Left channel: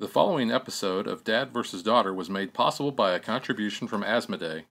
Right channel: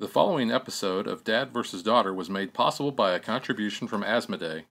The following episode of Dad vs. Daughter was made possible by a contribution from Asmodee.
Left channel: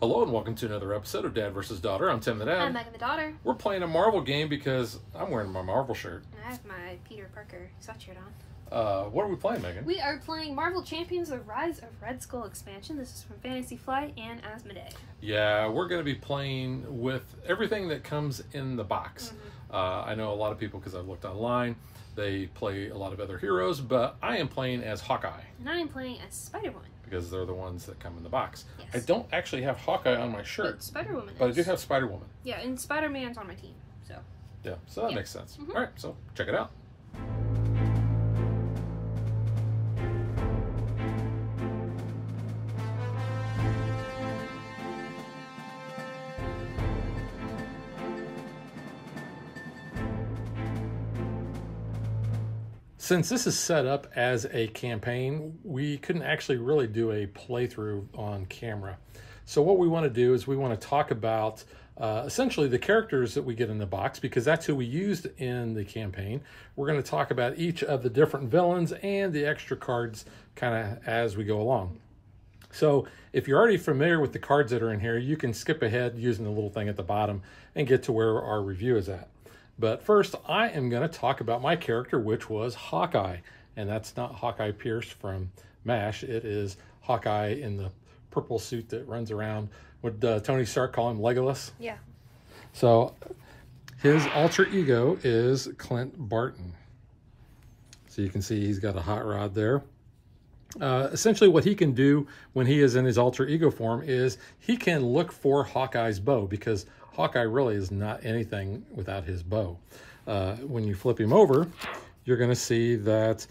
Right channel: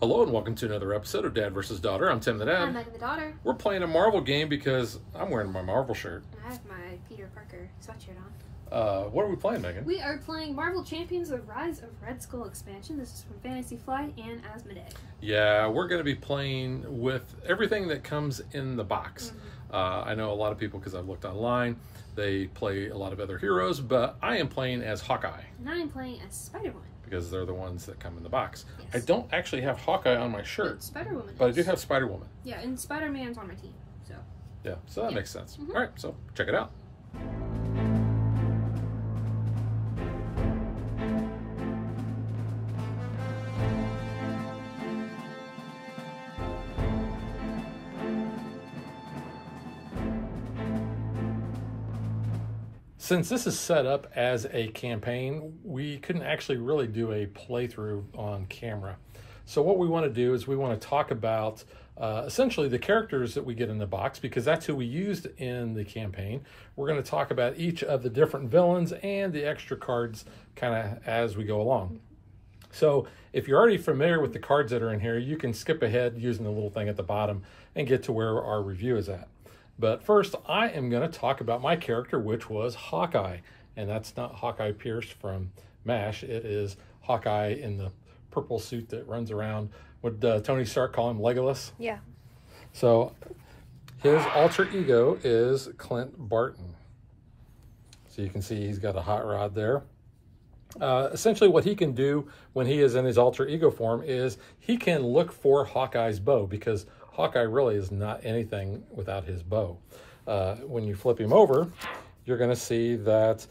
Hello and welcome to another episode of Dad vs. Daughter. I'm Tim the Dad. I'm Megan the Daughter. We're playing a Marvel game because I'm wearing my Marvel shirt. And I have my Peter Parker sweatshirt on. What are we playing, Megan? We are playing Marvel Champions: The Rise of Red Skull expansion. This is from Fantasy Flight and Asmodee. Yeah, we're going to be playing with everything that comes in the box. I know a lot of people, because I've looked online, they play a lot of other heroes, but I am playing as Hawkeye. And I am playing as Spider-Woman. Because they're the ones that come in the box. Yes. I don't actually have Hawkeye on my shirt. Spider-Woman. But I do have Spider-Woman. Yeah, and Spider-Man's on my team, so. Yeah, so that makes sense. All right, so check it out. Since this is set up as a campaign, we couldn't actually really do a playthrough on camera. So what we want to do is we want to talk about essentially the characters that we get in the box, because that's who we used in the campaign. We're going to talk about each of the different villains and the extra cards kind of as we go along. So if you're already familiar with the cards that are in here, you can skip ahead using the little thing at the bottom and get to where our review is at. But first, I am going to talk about my character, which was Hawkeye. And that's not Hawkeye Pierce from MASH. It is Hawkeye in the purple suit that runs around. Would Tony Stark call him Legolas? Yeah. So his alter ego is Clint Barton. So you can see he's got a hot rod there. Essentially what he can do when he is in his alter ego form is he can look for Hawkeye's bow, because Hawkeye really is not anything without his bow. When you flip him over, you're going to see that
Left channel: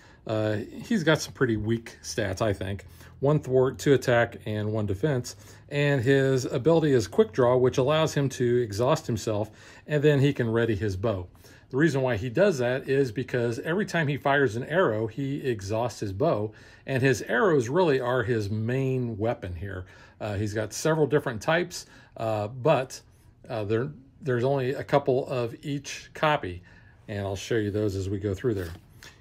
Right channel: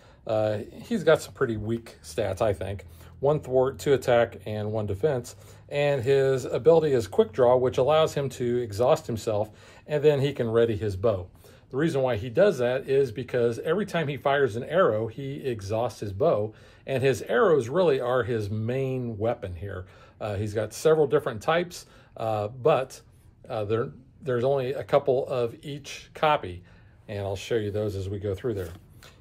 he's got some pretty weak stats, I think. 1 thwart, 2 attack, and 1 defense. And his ability is quick draw, which allows him to exhaust himself, and then he can ready his bow. The reason why he does that is because every time he fires an arrow, he exhausts his bow, and his arrows really are his main weapon here. He's got several different types, but there's only a couple of each copy, and I'll show you those as we go through there.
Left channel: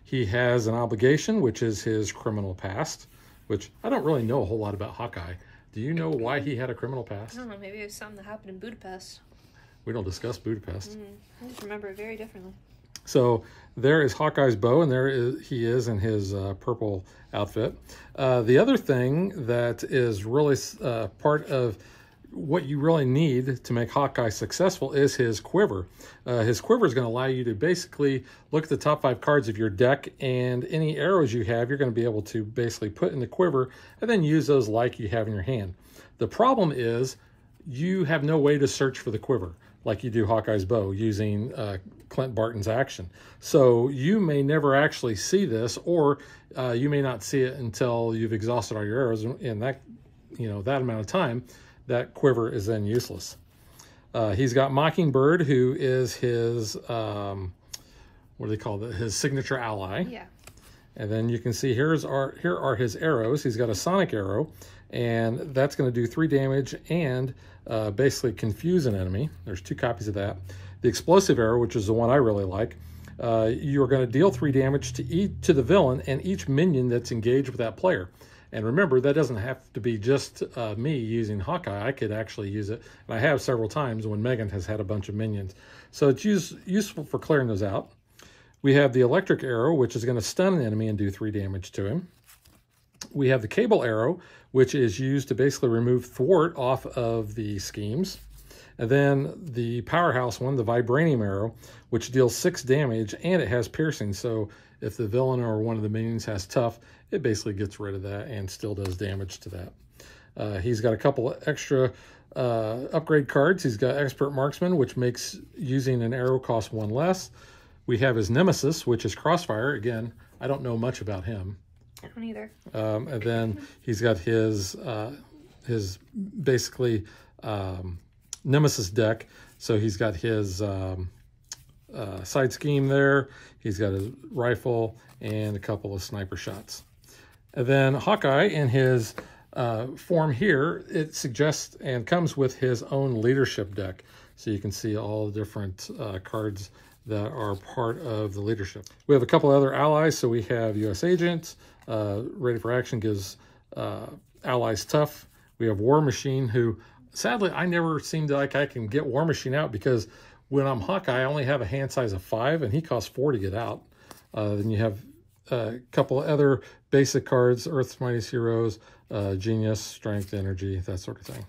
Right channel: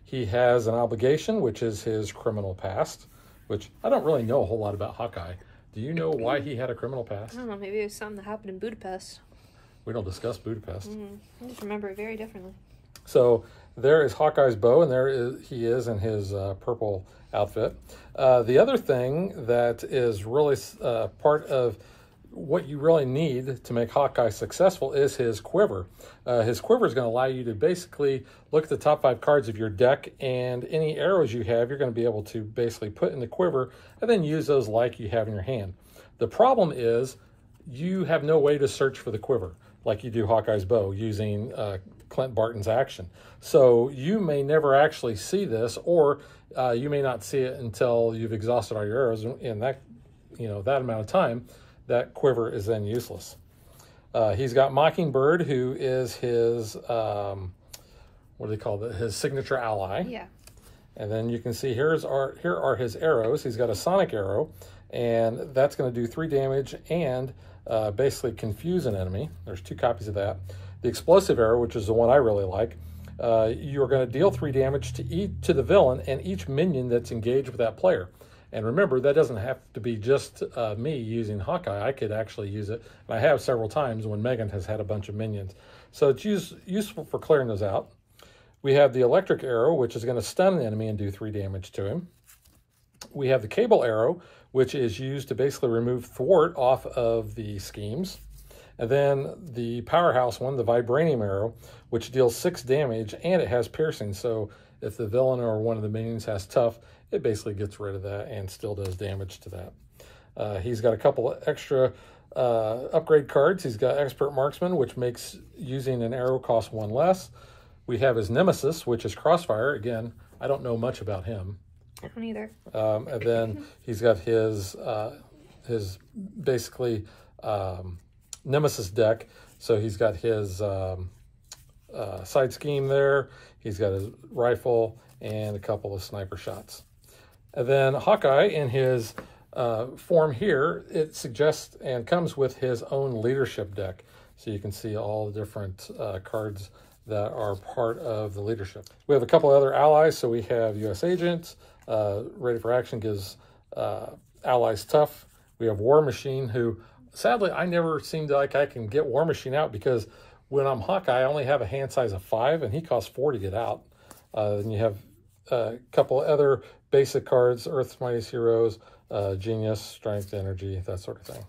He has an obligation, which is his criminal past, which I don't really know a whole lot about Hawkeye. Do you know why he had a criminal past? I don't know, maybe it was something that happened in Budapest. We don't discuss Budapest. I just remember it very differently. So there is Hawkeye's bow, and he is in his purple outfit. The other thing that is really part of what you really need to make Hawkeye successful is his quiver. His quiver is going to allow you to basically look at the top 5 cards of your deck, and any arrows you have, you're going to be able to basically put in the quiver and then use those like you have in your hand. The problem is you have no way to search for the quiver like you do Hawkeye's bow using Clint Barton's action. So you may never actually see this, or you may not see it until you've exhausted all your arrows, and that, that amount of time, that quiver is then useless. He's got Mockingbird, who is his, what do they call it? His signature ally. Yeah. And then you can see here are his arrows. He's got a sonic arrow, and that's going to do 3 damage and basically confuse an enemy. There's 2 copies of that. The explosive arrow, which is the one I really like, you're going to deal 3 damage to the villain and each minion that's engaged with that player. And remember, that doesn't have to be just me using Hawkeye. I could actually use it, and I have several times when Megan has had a bunch of minions. So it's useful for clearing those out. We have the electric arrow, which is going to stun the enemy and do 3 damage to him. We have the cable arrow, which is used to basically remove thwart off of the schemes. And then the powerhouse one, the vibranium arrow, which deals 6 damage, and it has piercing. So if the villain or one of the minions has tough, it basically gets rid of that and still does damage to that. He's got a couple of extra upgrade cards. He's got Expert Marksman, which makes using an arrow cost 1 less. We have his Nemesis, which is Crossfire. Again, I don't know much about him. I don't either. And then he's got his basically Nemesis deck. So he's got his side scheme there. He's got his rifle and a couple of sniper shots. And then Hawkeye, in his form here, it suggests and comes with his own leadership deck. So you can see all the different cards that are part of the leadership. We have a couple other allies. So we have U.S. Agent, ready for action, gives allies tough. We have War Machine, who sadly I never seem to like I can get War Machine out, because when I'm Hawkeye, I only have a hand size of 5, and he costs 4 to get out. Then you have a couple other basic cards, Earth's Mightiest Heroes, Genius, Strength, Energy, that sort of thing.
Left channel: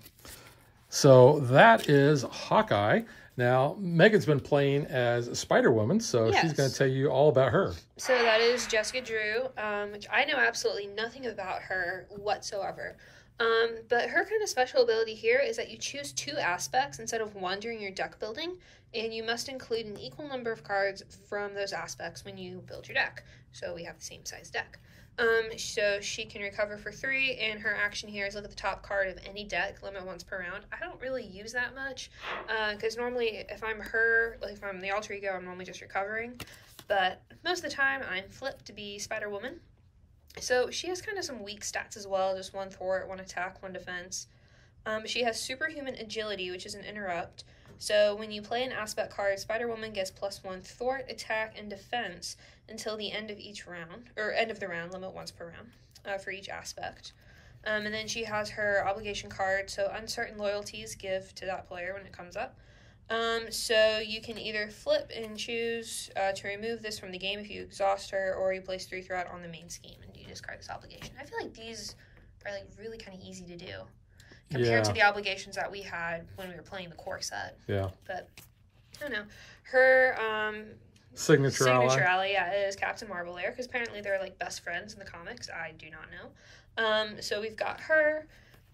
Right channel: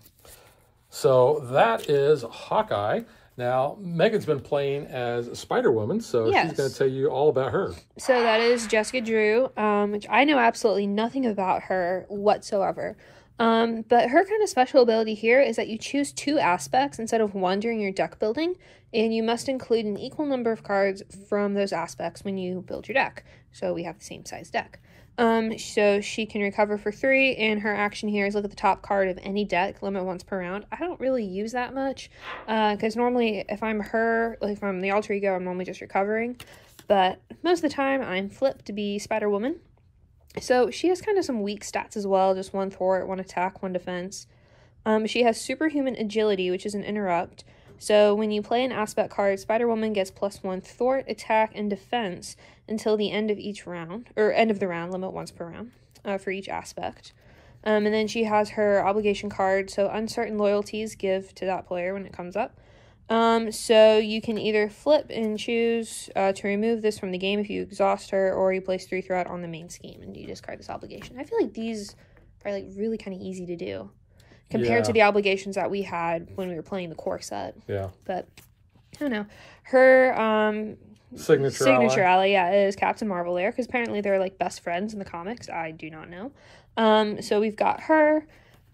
So that is Hawkeye. Now, Megan's been playing as Spider-Woman, so she's going to tell you all about her. So that is Jessica Drew, which I know absolutely nothing about her whatsoever. But her kind of special ability here is that you choose 2 aspects instead of 1 during your deck building, and you must include an equal number of cards from those aspects when you build your deck. So we have the same size deck. So she can recover for 3, and her action here is look at the top card of any deck, limit once per round. I don't really use that much, because normally if I'm her, like if I'm the alter ego, I'm normally just recovering, but most of the time I'm flipped to be Spider-Woman. So she has kind of some weak stats as well, just 1 thwart, 1 attack, 1 defense. She has superhuman agility, which is an interrupt. So when you play an aspect card, Spider-Woman gets +1 thwart, attack, and defense until the end of each round, or end of the round, limit once per round, for each aspect. And then she has her obligation card, so uncertain loyalties give to that player when it comes up. So you can either flip and choose to remove this from the game if you exhaust her, or you place 3 threat on the main scheme and you discard this obligation. I feel like these are like really kind of easy to do compared to the obligations that we had when we were playing the core set. Yeah. But I don't know. Her signature ally, is Captain Marvel there, because apparently they're like best friends in the comics. I do not know. So we've got her.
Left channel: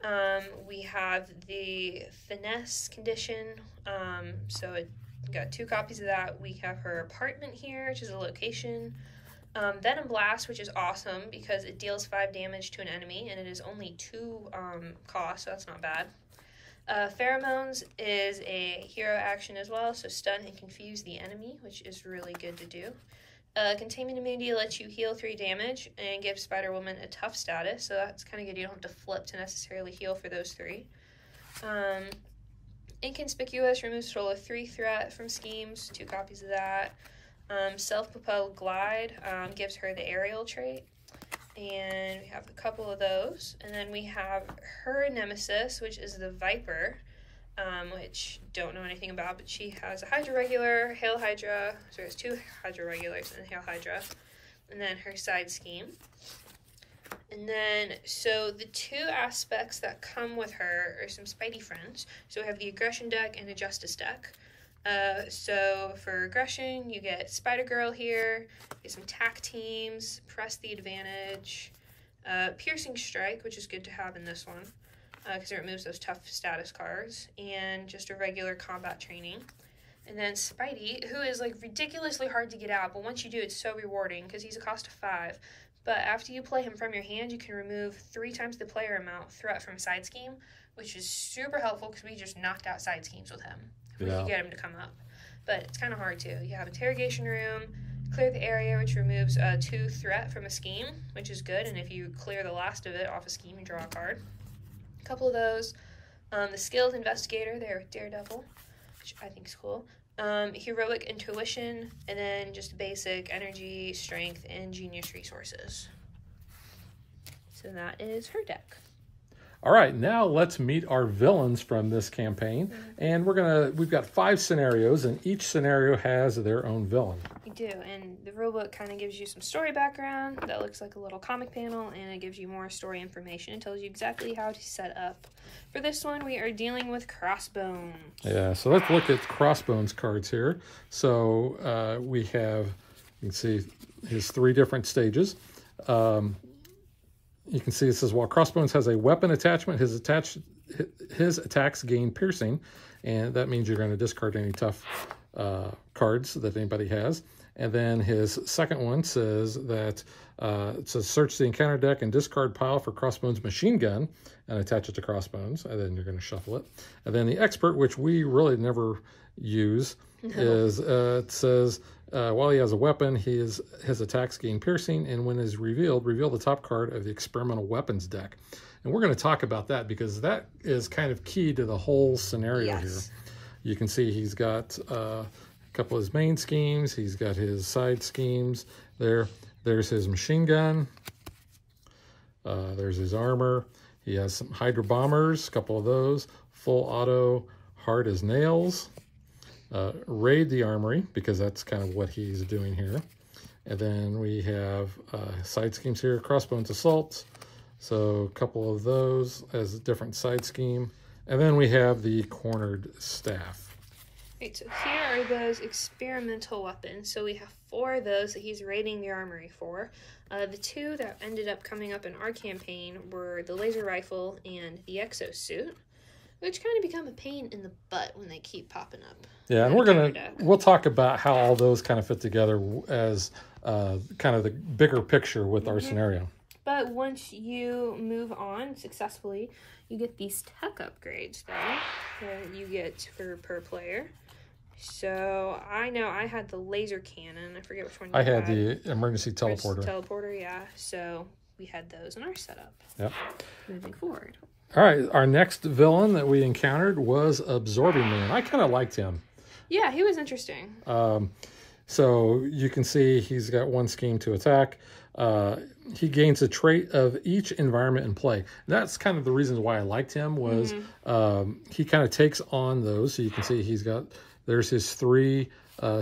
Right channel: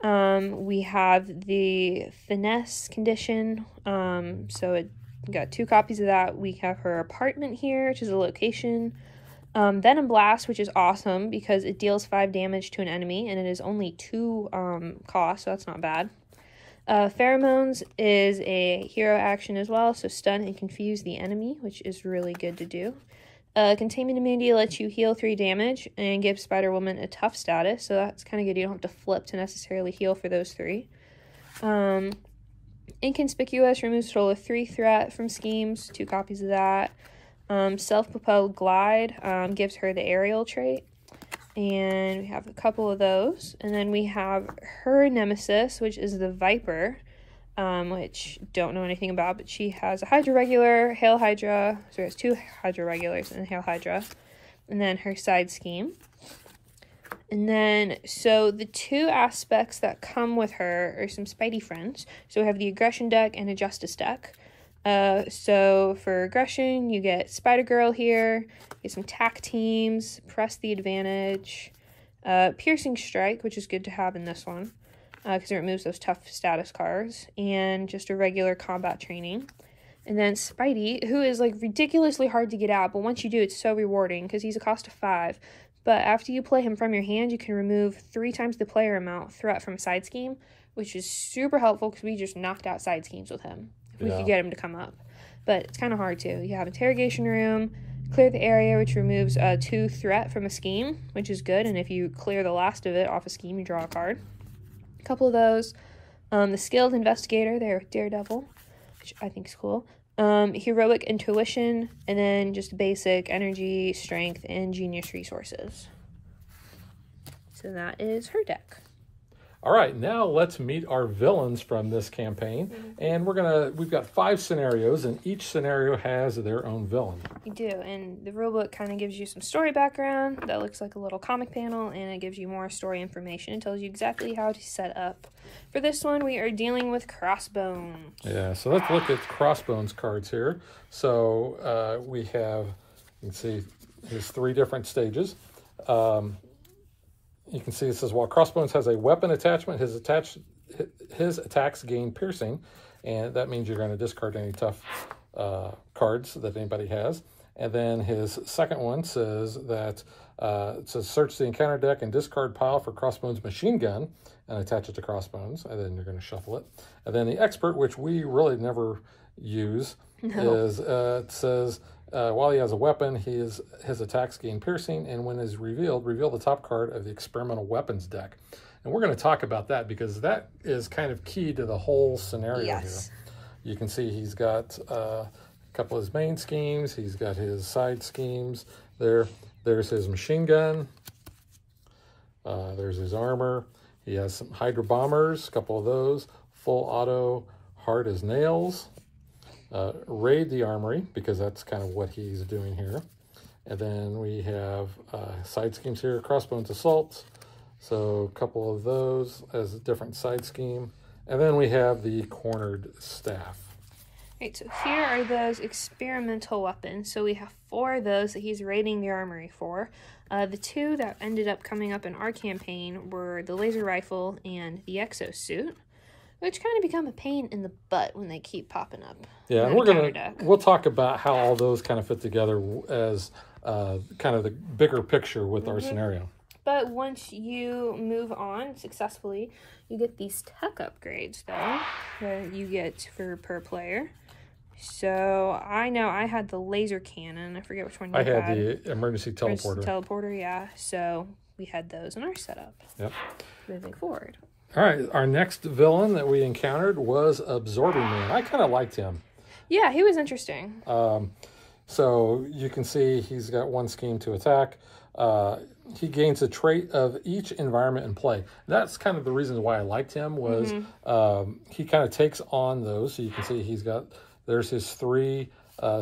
We have the finesse condition, so we got 2 copies of that. We have her apartment here, which is a location. Venom Blast, which is awesome because it deals 5 damage to an enemy, and it is only 2 cost, so that's not bad. Pheromones is a hero action as well, so stun and confuse the enemy, which is really good to do. Containment immunity lets you heal 3 damage and gives Spider-Woman a tough status, so that's kind of good. You don't have to flip to necessarily heal for those 3. Inconspicuous removes total of 3 threat from schemes, 2 copies of that. Self-propelled glide gives her the aerial trait, and we have a couple of those. And then we have her nemesis, which is the Viper, which don't know anything about, but she has a Hydra regular, Hail Hydra, so there's 2 Hydra regulars and Hail Hydra, and then her side scheme. And then, so the 2 aspects that come with her are some Spidey friends. So we have the aggression deck and a justice deck. So for aggression, you get Spider-Girl here, you get some tack teams, press the advantage, piercing strike, which is good to have in this one, because it removes those tough status cards, and just a regular combat training. And then Spidey, who is like ridiculously hard to get out, but once you do, it's so rewarding because he's a cost of 5. But after you play him from your hand, you can remove 3 times the player amount threat from side scheme, which is super helpful because we just knocked out side schemes with him. If we could get him to come up. But it's kind of hard too. You have interrogation room, clear the area, which removes 2 threat from a scheme, which is good. And if you clear the last of it off a scheme, you draw a card. A couple of those. The skilled investigator there, Daredevil, which I think is cool. Heroic intuition, and then just basic energy, strength, and genius resources. So that is her deck. All right, now let's meet our villains from this campaign. And we've got 5 scenarios, and each scenario has their own villain. You do, and the rulebook kind of gives you some story background that looks like a little comic panel, and it gives you more story information. It tells you exactly how to set up. For this one, we are dealing with Crossbones. Yeah, so let's look at Crossbones cards here. So we have, you can see his 3 different stages. You can see it says, while Crossbones has a weapon attachment, his attacks gain piercing, and that means you're going to discard any tough cards that anybody has. And then his second one says that it says search the encounter deck and discard pile for Crossbones machine gun and attach it to Crossbones, and then you're going to shuffle it. And then the expert, which we really never use, is it says while he has a weapon, his attacks gain piercing, and when is revealed, reveal the top card of the experimental weapons deck. And we're going to talk about that because that is kind of key to the whole scenario here. You can see he's got a couple of his main schemes. He's got his side schemes there. There's his machine gun. There's his armor. He has some Hydra bombers, a couple of those. Full auto, hard as nails. Raid the armory, because that's kind of what he's doing here. And then we have side schemes here, Crossbones assaults. So a couple of those as a different side scheme. And then we have the cornered staff. Right, so here are those experimental weapons. So we have 4 of those that he's raiding the armory for. The 2 that ended up coming up in our campaign were the laser rifle and the exosuit, which kind of become a pain in the butt when they keep popping up. Yeah, and we'll talk about how all those kind of fit together as kind of the bigger picture with our scenario. But once you move on successfully, you get these tech upgrades that you get per player. So I know I had the laser cannon. I forget which one you had. I had the emergency teleporter. Teleporter, yeah. So we had those in our setup. Yep. Moving forward. All right, our next villain that we encountered was Absorbing Man. I kind of liked him. Yeah, he was interesting. So you can see he's got 1 scheme to attack. He gains a trait of each environment in play. That's kind of the reason why I liked him was he kind of takes on those. So you can see there's his 3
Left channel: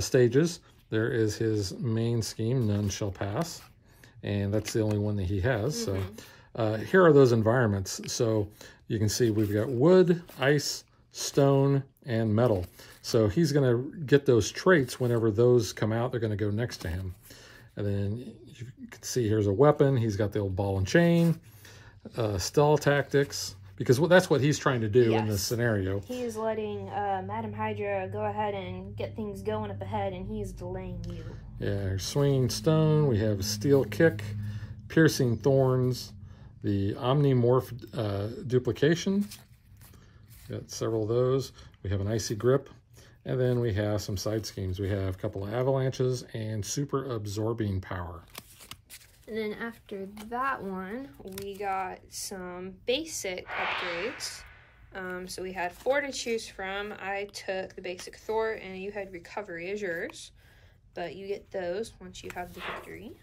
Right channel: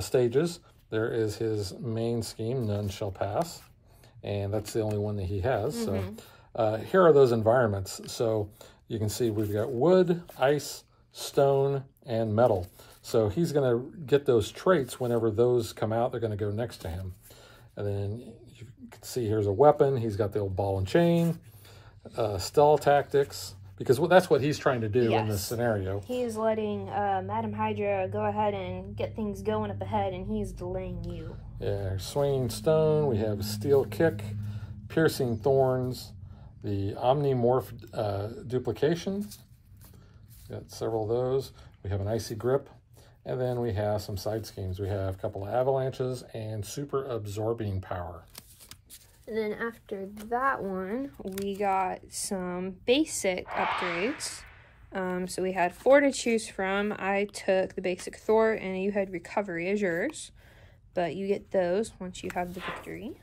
stages. There is his main scheme, None Shall Pass. And that's the only one that he has. So here are those environments. So you can see we've got wood, ice, stone, and metal. So he's going to get those traits whenever those come out. They're going to go next to him. And then you can see here's a weapon. He's got the old ball and chain, stealth tactics, because that's what he's trying to do in this scenario. He's letting Madam Hydra go ahead and get things going up ahead, and he's delaying you. Yeah, swinging stone. We have steel kick, piercing thorns, the omnimorph duplication. Got several of those. We have an icy grip. And then we have some side schemes. We have a couple of avalanches and super absorbing power. And then after that one, we got some basic upgrades. So we had 4 to choose from. I took the basic Thor, and you had recovery as yours. But you get those once you have the victory.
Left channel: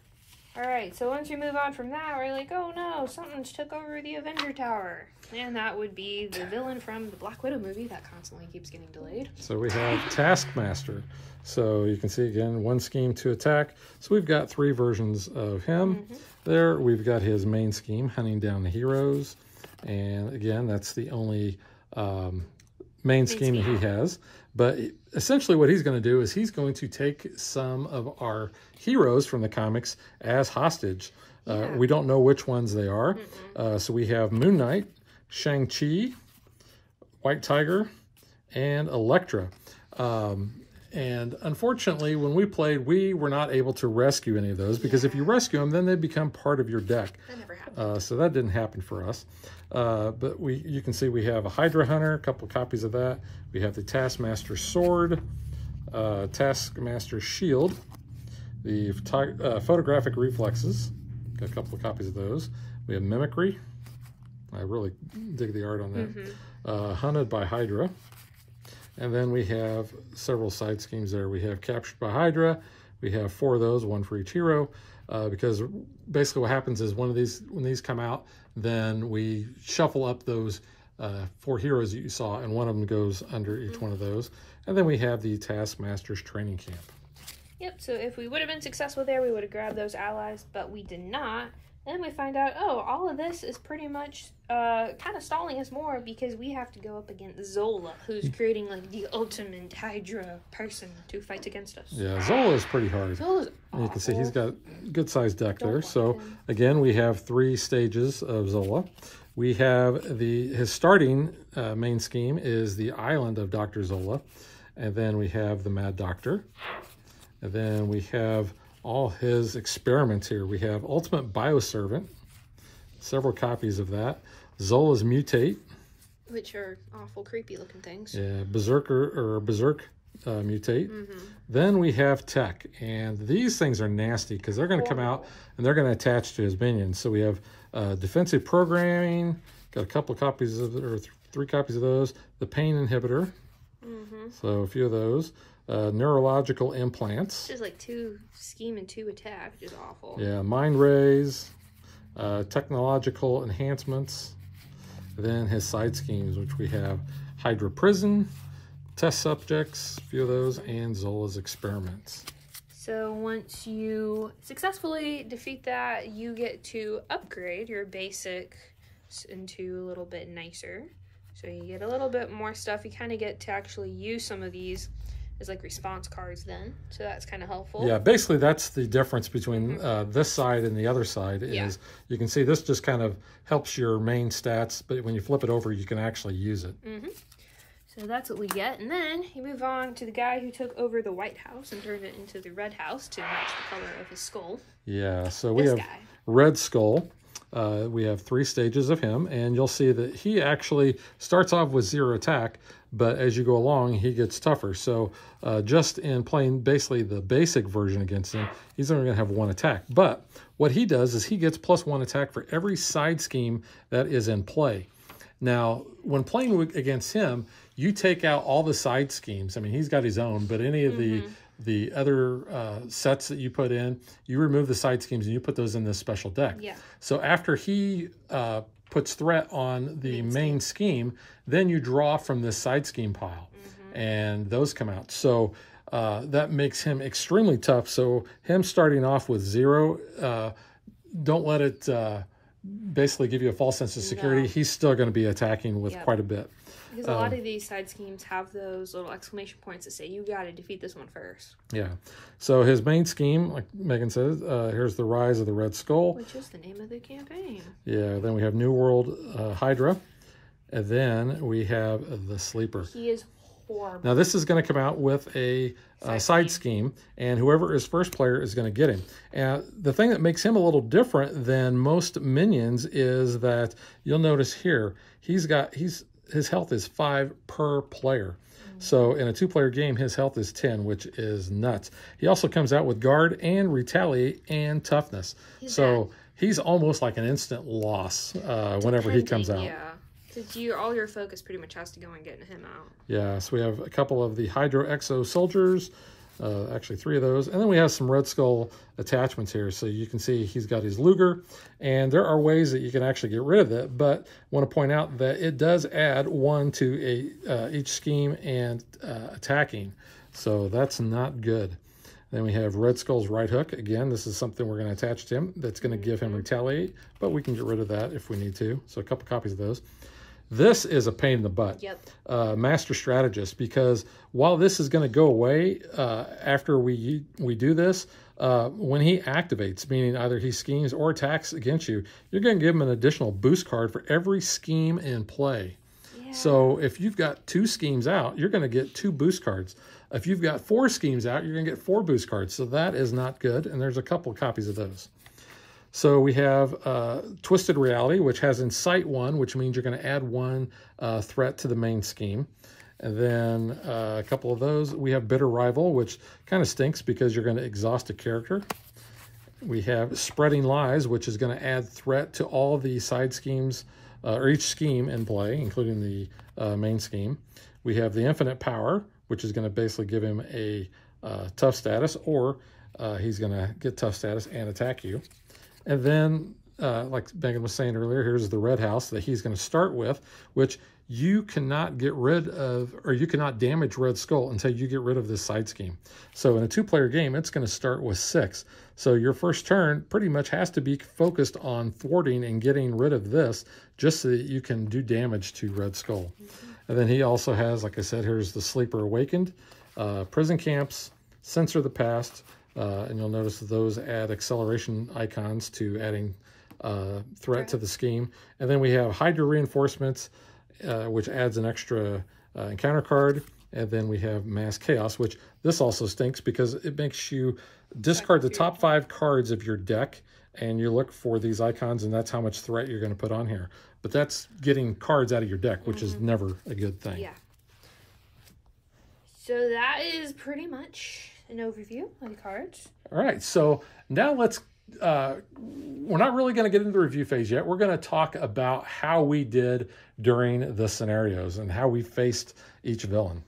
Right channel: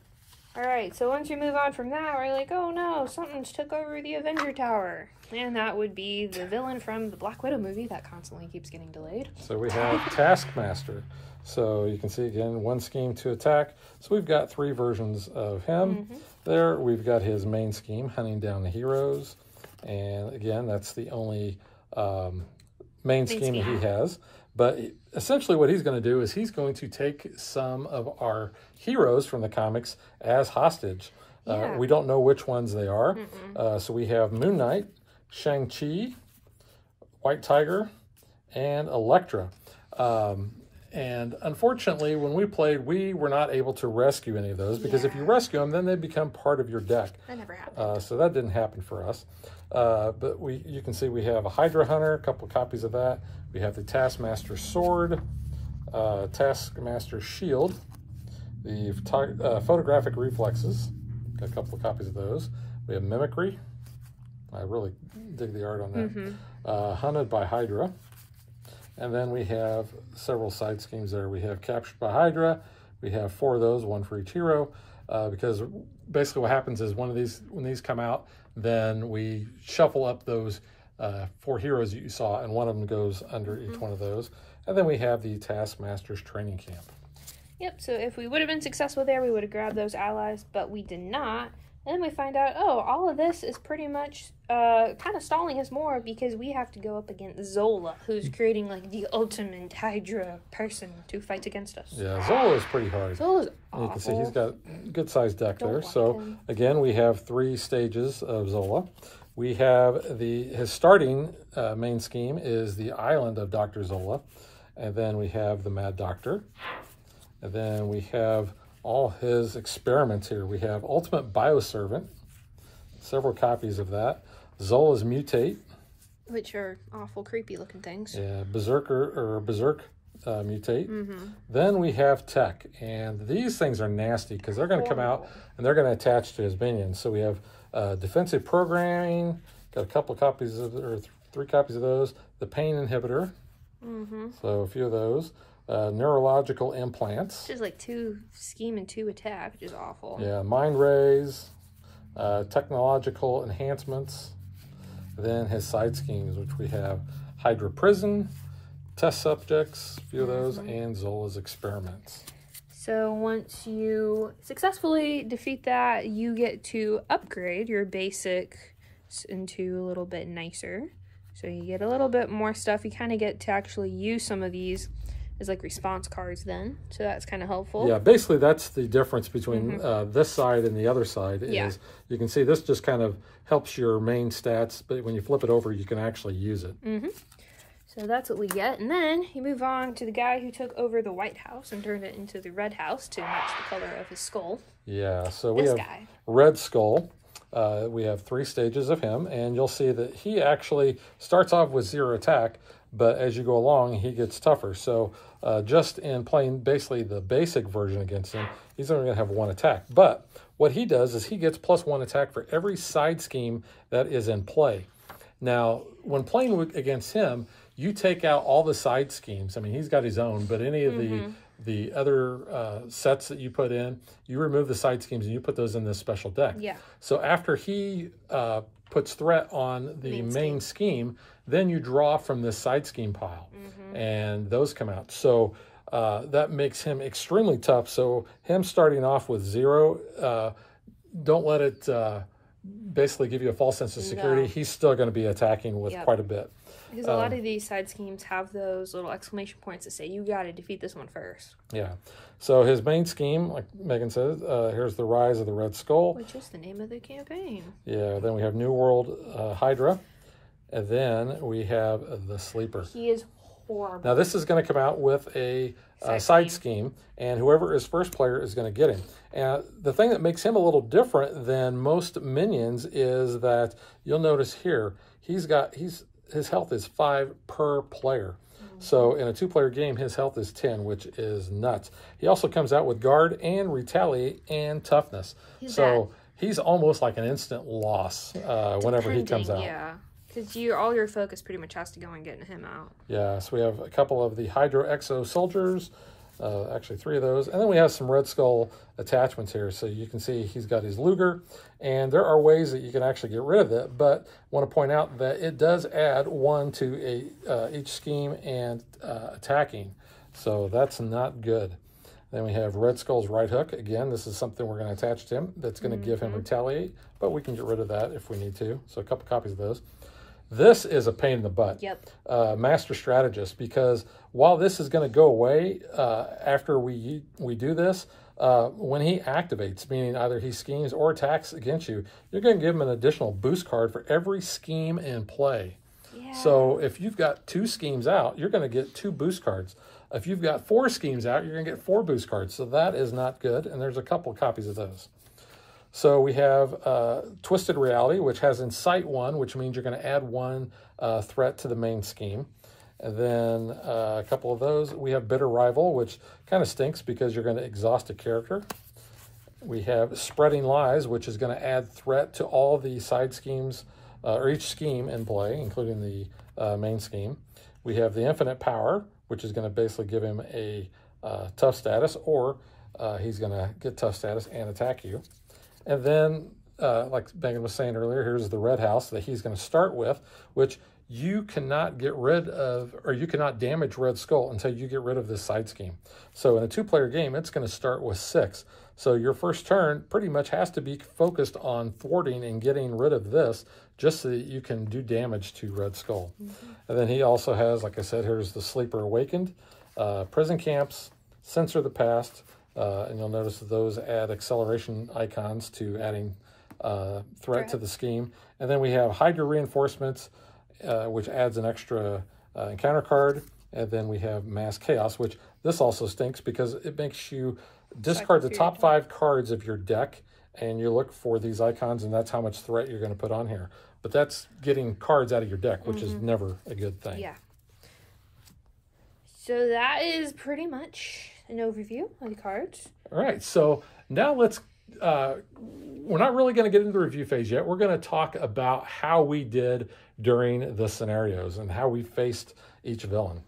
Alright, so once you move on from that, we're like, oh no, something's took over the Avenger Tower. And that would be the villain from the Black Widow movie that constantly keeps getting delayed. So we have Taskmaster. So you can see, again, 1 scheme to attack. So we've got 3 versions of him. There, we've got his main scheme, hunting down the heroes. And again, that's the only main scheme that he has. But essentially what he's going to do is he's going to take some of our heroes from the comics as hostage. We don't know which ones they are. So we have Moon Knight, Shang-Chi, White Tiger, and Elektra. And unfortunately, when we played, we were not able to rescue any of those because if you rescue them, then they become part of your deck. That never happened. So that didn't happen for us. But you can see we have a Hydra Hunter, a couple copies of that. We have the Taskmaster Sword, Taskmaster Shield, the Photographic Reflexes. Got a couple of copies of those. We have Mimicry. I really dig the art on that. Hunted by Hydra. And then we have several side schemes there. We have Captured by Hydra. We have 4 of those, 1 for each hero. Because basically what happens is when these come out, then we shuffle up those 4 heroes that you saw, and one of them goes under each one of those. And then we have the Taskmaster's Training Camp. Yep, so if we would have been successful there, we would have grabbed those allies, but we did not. And then we find out, oh, all of this is pretty much kind of stalling us more because we have to go up against Zola, who's creating like the ultimate Hydra person to fight against us. Yeah, Zola is pretty hard. Zola's awful. You can see he's got a good-sized deck there. So, again, we have 3 stages of Zola. We have his starting main scheme is the island of Dr. Zola. And then we have the Mad Doctor. And then we have all his experiments here. We have Ultimate Bioservant, several copies of that. Zola's Mutate. Which are awful, creepy looking things. Yeah, Berserk Mutate. Then we have Tech. And these things are nasty because they're going to come out and they're going to attach to his minions. So we have Defensive Programming, got a couple of copies of, or 3 copies of those. The Pain Inhibitor. So a few of those. neurological implants. It's like 2 scheme and 2 attack, which is awful. Yeah, mind rays, technological enhancements. Then his side schemes, which we have Hydra Prison, test subjects, a few of those, and Zola's experiments. So once you successfully defeat that, you get to upgrade your basic into a little bit nicer. So you get a little bit more stuff. You kind of get to actually use some of these as like response cards then. So that's kind of helpful. Yeah, basically that's the difference between this side and the other side. Is you can see this just kind of helps your main stats, but when you flip it over, you can actually use it. So that's what we get. And then you move on to the guy who took over the White House and turned it into the Red House to match the color of his skull. Yeah, so we have Red Skull. We have 3 stages of him, and you'll see that he actually starts off with 0 attack, but as you go along, he gets tougher. So just in playing basically the basic version against him, he's only going to have 1 attack. But what he does is he gets +1 attack for every side scheme that is in play. Now, when playing against him, you take out all the side schemes. I mean, he's got his own, but any of the other sets that you put in, you remove the side schemes and you put those in this special deck. Yeah. So after he puts threat on the main scheme, then you draw from this side scheme pile, and those come out. So that makes him extremely tough. So him starting off with 0, don't let it basically give you a false sense of security. No. He's still going to be attacking with quite a bit. Because a lot of these side schemes have those little exclamation points that say, you got to defeat this one first. Yeah. So his main scheme, like Megan says, here's the Rise of the Red Skull. Which is the name of the campaign. Yeah. Then we have New World Hydra. And then we have the Sleeper. He is horrible. Now this is going to come out with a side scheme, and whoever is first player is going to get him. And the thing that makes him a little different than most minions is that you'll notice here, his health is 5 per player. So in a 2-player game, his health is 10, which is nuts. He also comes out with Guard and Retaliate and Toughness. He's almost like an instant loss whenever he comes out. Yeah, because all your focus pretty much has to go on getting him out. Yeah, so we have a couple of the Hydro Exo Soldiers, actually 3 of those. And then we have some Red Skull attachments here. So you can see he's got his Luger, and there are ways that you can actually get rid of it, but I want to point out that it does add 1 to each scheme and attacking. So that's not good. Then we have Red Skull's Right Hook. Again, this is something we're going to attach to him that's going to give him Retaliate, but we can get rid of that if we need to. So a couple copies of those. This is a pain in the butt. Yep. Master Strategist, because while this is going to go away after we do this, when he activates, meaning either he schemes or attacks against you, you're going to give him an additional boost card for every scheme in play. Yeah. So if you've got 2 schemes out, you're going to get 2 boost cards. If you've got 4 schemes out, you're going to get 4 boost cards. So that is not good, and there's a couple copies of those. So we have Twisted Reality, which has Incite 1, which means you're going to add 1 threat to the main scheme. And then a couple of those. We have Bitter Rival, which kind of stinks because you're going to exhaust a character. We have Spreading Lies, which is going to add threat to all the side schemes, or each scheme in play, including the main scheme. We have the Infinite Power, which is going to basically give him a tough status, or he's going to get tough status and attack you. And then, like Megan was saying earlier, here's the Red House that he's going to start with, which you cannot get rid of, or you cannot damage Red Skull until you get rid of this side scheme. So in a 2-player game, it's going to start with 6. So your first turn pretty much has to be focused on thwarting and getting rid of this just so that you can do damage to Red Skull. And then he also has, like I said, here's the Sleeper Awakened, Prison Camps, Censor the Past, and you'll notice that those add acceleration icons to adding threat to the scheme. And then we have Hydra Reinforcements, which adds an extra encounter card. And then we have Mass Chaos, which this also stinks because it makes you discard the top 5 cards of your deck, and you look for these icons, and that's how much threat you're going to put on here. But that's getting cards out of your deck, which is never a good thing. Yeah. So that is pretty much an overview of the cards. All right, so now let's, we're not really going to get into the review phase yet. We're going to talk about how we did during the scenarios and how we faced each villain.